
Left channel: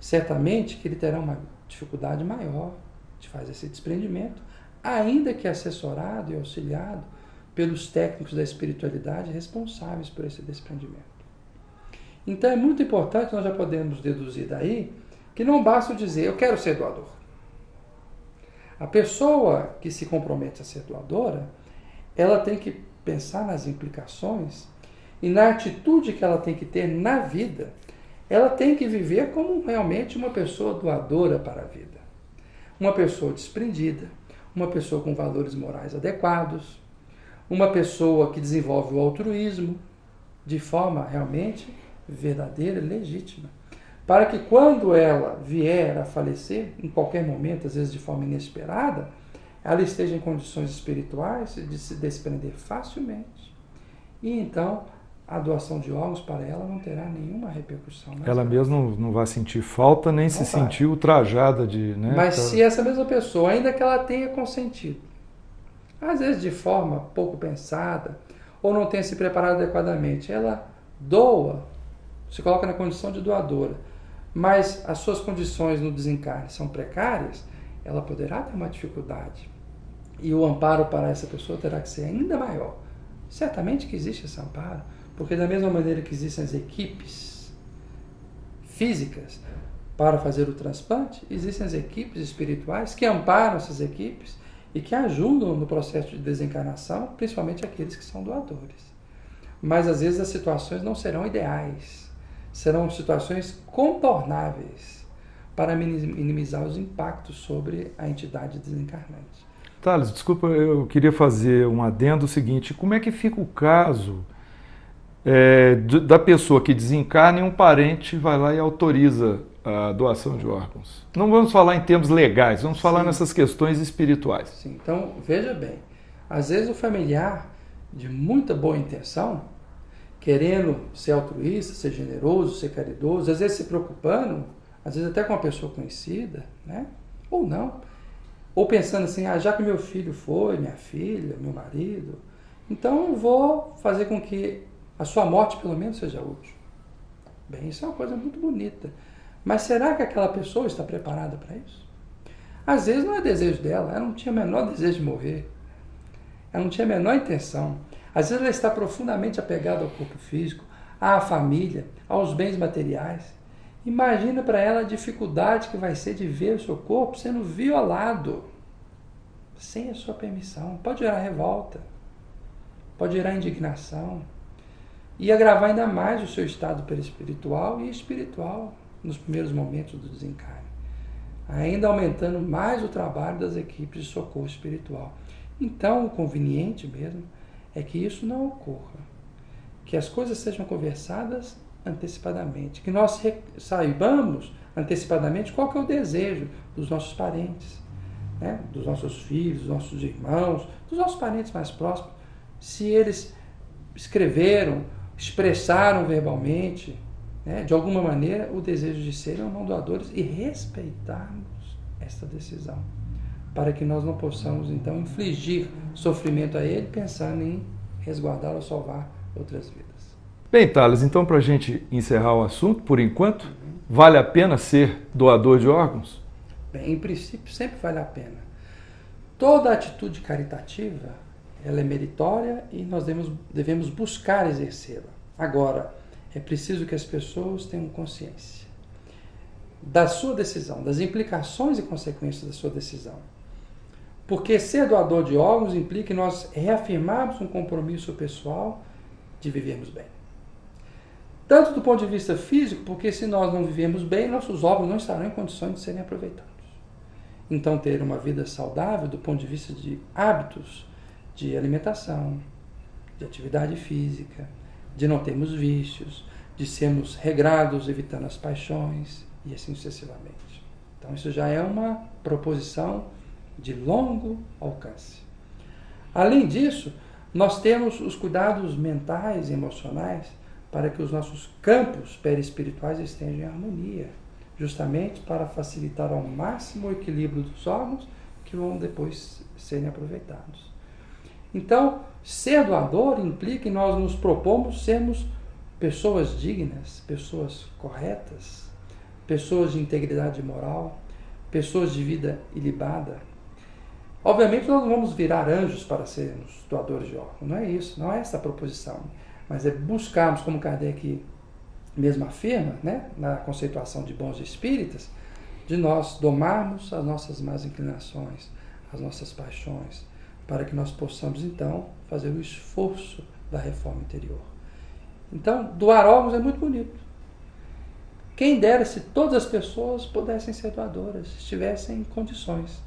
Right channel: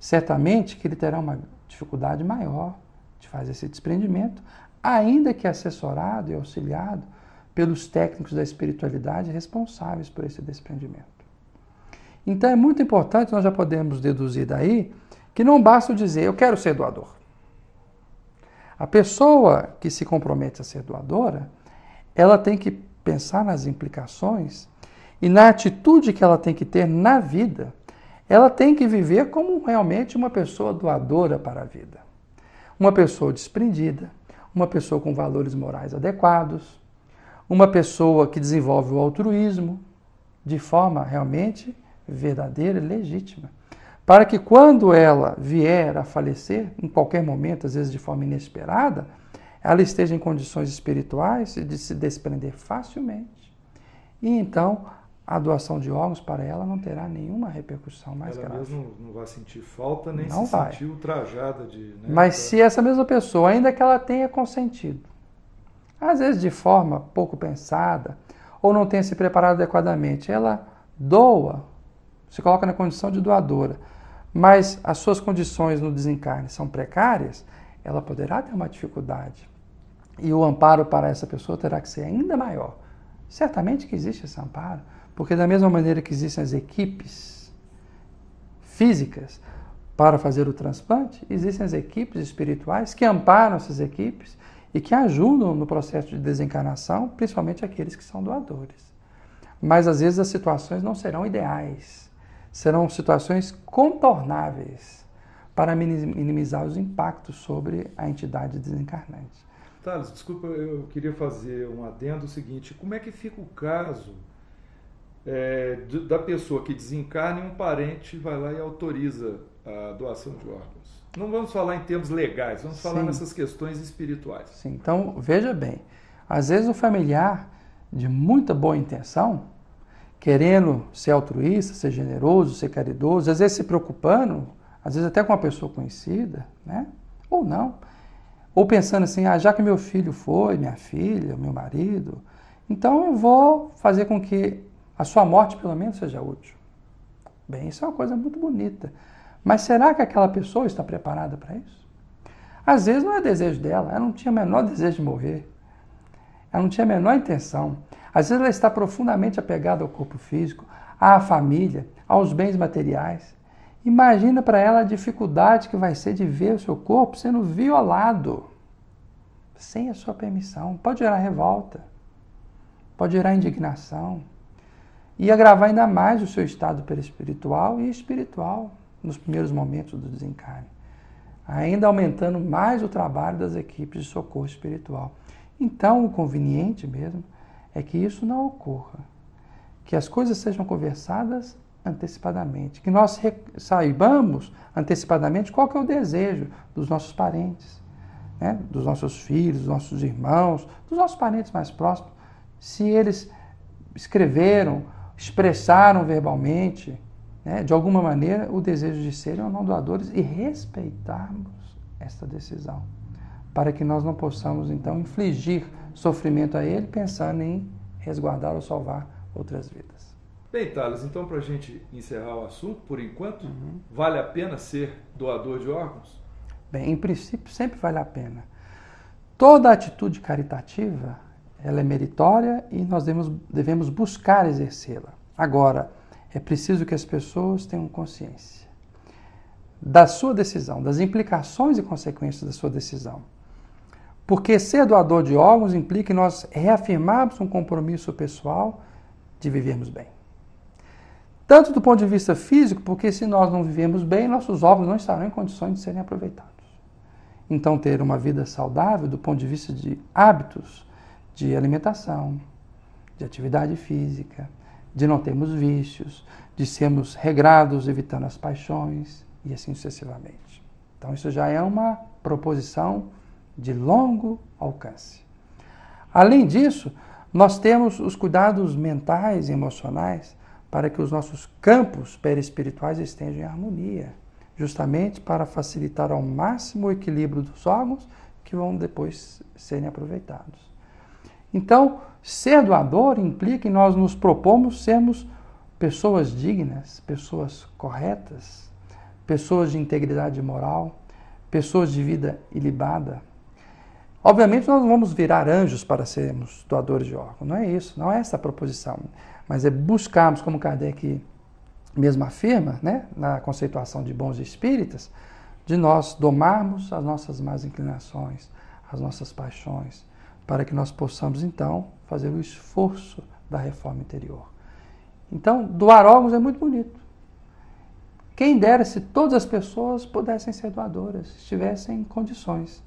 certamente que ele terá uma dificuldade maior de fazer esse desprendimento, ainda que assessorado e auxiliado pelos técnicos da espiritualidade responsáveis por esse desprendimento. Então é muito importante, nós já podemos deduzir daí, que não basta dizer, eu quero ser doador. A pessoa que se compromete a ser doadora, ela tem que pensar nas implicações e na atitude que ela tem que ter na vida. Ela tem que viver como realmente uma pessoa doadora para a vida. Uma pessoa desprendida, uma pessoa com valores morais adequados, uma pessoa que desenvolve o altruísmo de forma realmente verdadeira e legítima. Para que quando ela vier a falecer, em qualquer momento, às vezes de forma inesperada, ela esteja em condições espirituais de se desprender facilmente. E então a doação de órgãos para ela não terá nenhuma repercussão mais ela grave. mesma não vai sentir falta, nem Não se vai. sentir ultrajada de... Né, Mas se essa mesma pessoa, ainda que ela tenha consentido, às vezes de forma pouco pensada, ou não tenha se preparado adequadamente, ela doa, se coloca na condição de doadora, mas as suas condições no desencarne são precárias, ela poderá ter uma dificuldade. E o amparo para essa pessoa terá que ser ainda maior. Certamente que existe esse amparo, porque da mesma maneira que existem as equipes físicas para fazer o transplante, existem as equipes espirituais que amparam essas equipes e que ajudam no processo de desencarnação, principalmente aqueles que são doadores. Mas às vezes as situações não serão ideais, serão situações contornáveis para minimizar os impactos sobre a entidade desencarnante. Thales, desculpa, eu queria fazer um adendo seguinte, como é que fica o caso da pessoa que desencarna e um parente vai lá e autoriza a doação de órgãos? Não vamos falar em termos legais, vamos falar nessas questões espirituais. Sim, então veja bem, às vezes o familiar de muita boa intenção, querendo ser altruísta, ser generoso, ser caridoso, às vezes se preocupando, às vezes até com uma pessoa conhecida, né? Ou não, ou pensando assim, já que meu filho foi, minha filha, meu marido, Então eu vou fazer com que a sua morte pelo menos seja útil. Bem, isso é uma coisa muito bonita. Mas será que aquela pessoa está preparada para isso? Às vezes não é desejo dela, ela não tinha o menor desejo de morrer. Ela não tinha a menor intenção. Às vezes ela está profundamente apegada ao corpo físico, à família, aos bens materiais. Imagina para ela a dificuldade que vai ser de ver o seu corpo sendo violado, sem a sua permissão. Pode gerar revolta, pode gerar indignação e agravar ainda mais o seu estado perispiritual e espiritual nos primeiros momentos do desencarne, ainda aumentando mais o trabalho das equipes de socorro espiritual. Então, o conveniente mesmo é que isso não ocorra, que as coisas sejam conversadas antecipadamente, que nós saibamos antecipadamente qual que é o desejo dos nossos parentes, né? Dos nossos filhos, dos nossos irmãos, dos nossos parentes mais próximos, se eles escreveram, expressaram verbalmente, né, de alguma maneira, o desejo de serem ou não doadores e respeitarmos esta decisão, para que nós não possamos, então, infligir sofrimento a ele, pensando em resguardá-lo ou salvar outras vidas. Bem, Thales, então, para a gente encerrar o assunto, por enquanto, vale a pena ser doador de órgãos? Bem, em princípio, sempre vale a pena. Toda atitude caritativa, ela é meritória e nós devemos buscar exercê-la. Agora, é preciso que as pessoas tenham consciência da sua decisão, das implicações e consequências da sua decisão. Porque ser doador de órgãos implica em nós reafirmarmos um compromisso pessoal de vivermos bem. Tanto do ponto de vista físico, porque se nós não vivemos bem, nossos órgãos não estarão em condições de serem aproveitados. Então, ter uma vida saudável do ponto de vista de hábitos, de alimentação, de atividade física, de não termos vícios, de sermos regrados, evitando as paixões e assim sucessivamente. Então, isso já é uma proposição de longo alcance. Além disso, nós temos os cuidados mentais e emocionais para que os nossos campos perispirituais estejam em harmonia, justamente para facilitar ao máximo o equilíbrio dos órgãos que vão depois serem aproveitados. Então, ser doador implica em nós nos propomos sermos pessoas dignas, pessoas corretas, pessoas de integridade moral, pessoas de vida ilibada. Obviamente, nós não vamos virar anjos para sermos doadores de órgãos, não é isso, não é essa a proposição, mas é buscarmos, como Kardec mesmo afirma, né, na conceituação de bons espíritas, de nós domarmos as nossas más inclinações, as nossas paixões, para que nós possamos, então, fazer o esforço da reforma interior. Então, doar órgãos é muito bonito. Quem dera se todas as pessoas pudessem ser doadoras, estivessem em condições.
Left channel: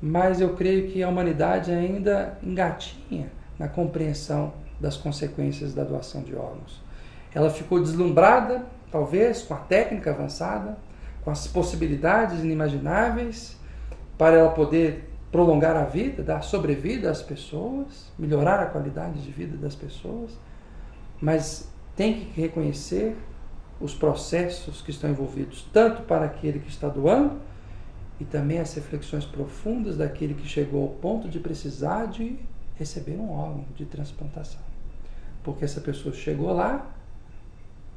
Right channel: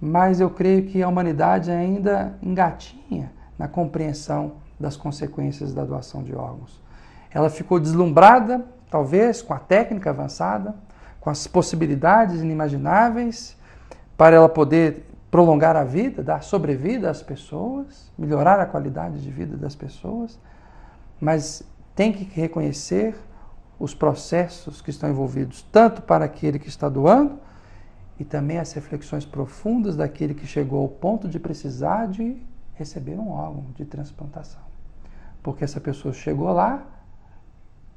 Mas eu creio que a humanidade ainda engatinha na compreensão das consequências da doação de órgãos. Ela ficou deslumbrada, talvez, com a técnica avançada, com as possibilidades inimagináveis para ela poder prolongar a vida, dar sobrevida às pessoas, melhorar a qualidade de vida das pessoas, mas tem que reconhecer os processos que estão envolvidos, tanto para aquele que está doando, e também as reflexões profundas daquele que chegou ao ponto de precisar de receber um órgão de transplantação. Porque essa pessoa chegou lá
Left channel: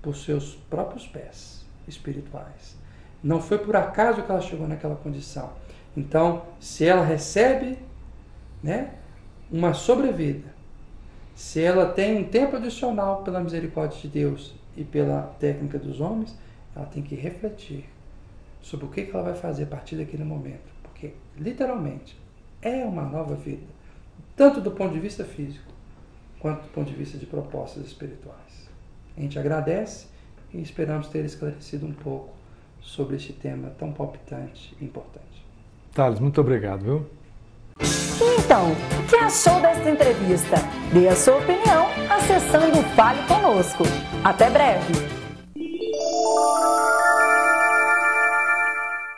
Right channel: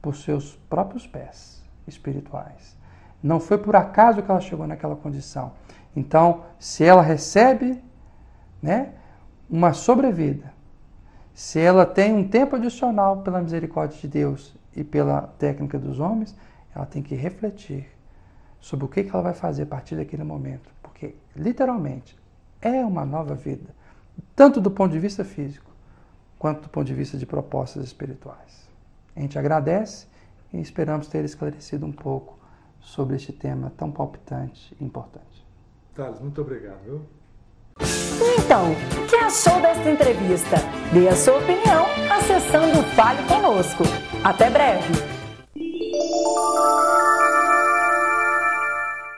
por seus próprios pés espirituais. Não foi por acaso que ela chegou naquela condição. Então, se ela recebe, né, uma sobrevida, se ela tem um tempo adicional pela misericórdia de Deus e pela técnica dos homens, ela tem que refletir sobre o que ela vai fazer a partir daquele momento. Porque, literalmente, é uma nova vida, tanto do ponto de vista físico, quanto do ponto de vista de propostas espirituais. A gente agradece e esperamos ter esclarecido um pouco sobre este tema tão palpitante e importante. Thales, muito obrigado, viu? Então, o que achou desta entrevista? Dê a sua opinião acessando o Fale Conosco. Até breve!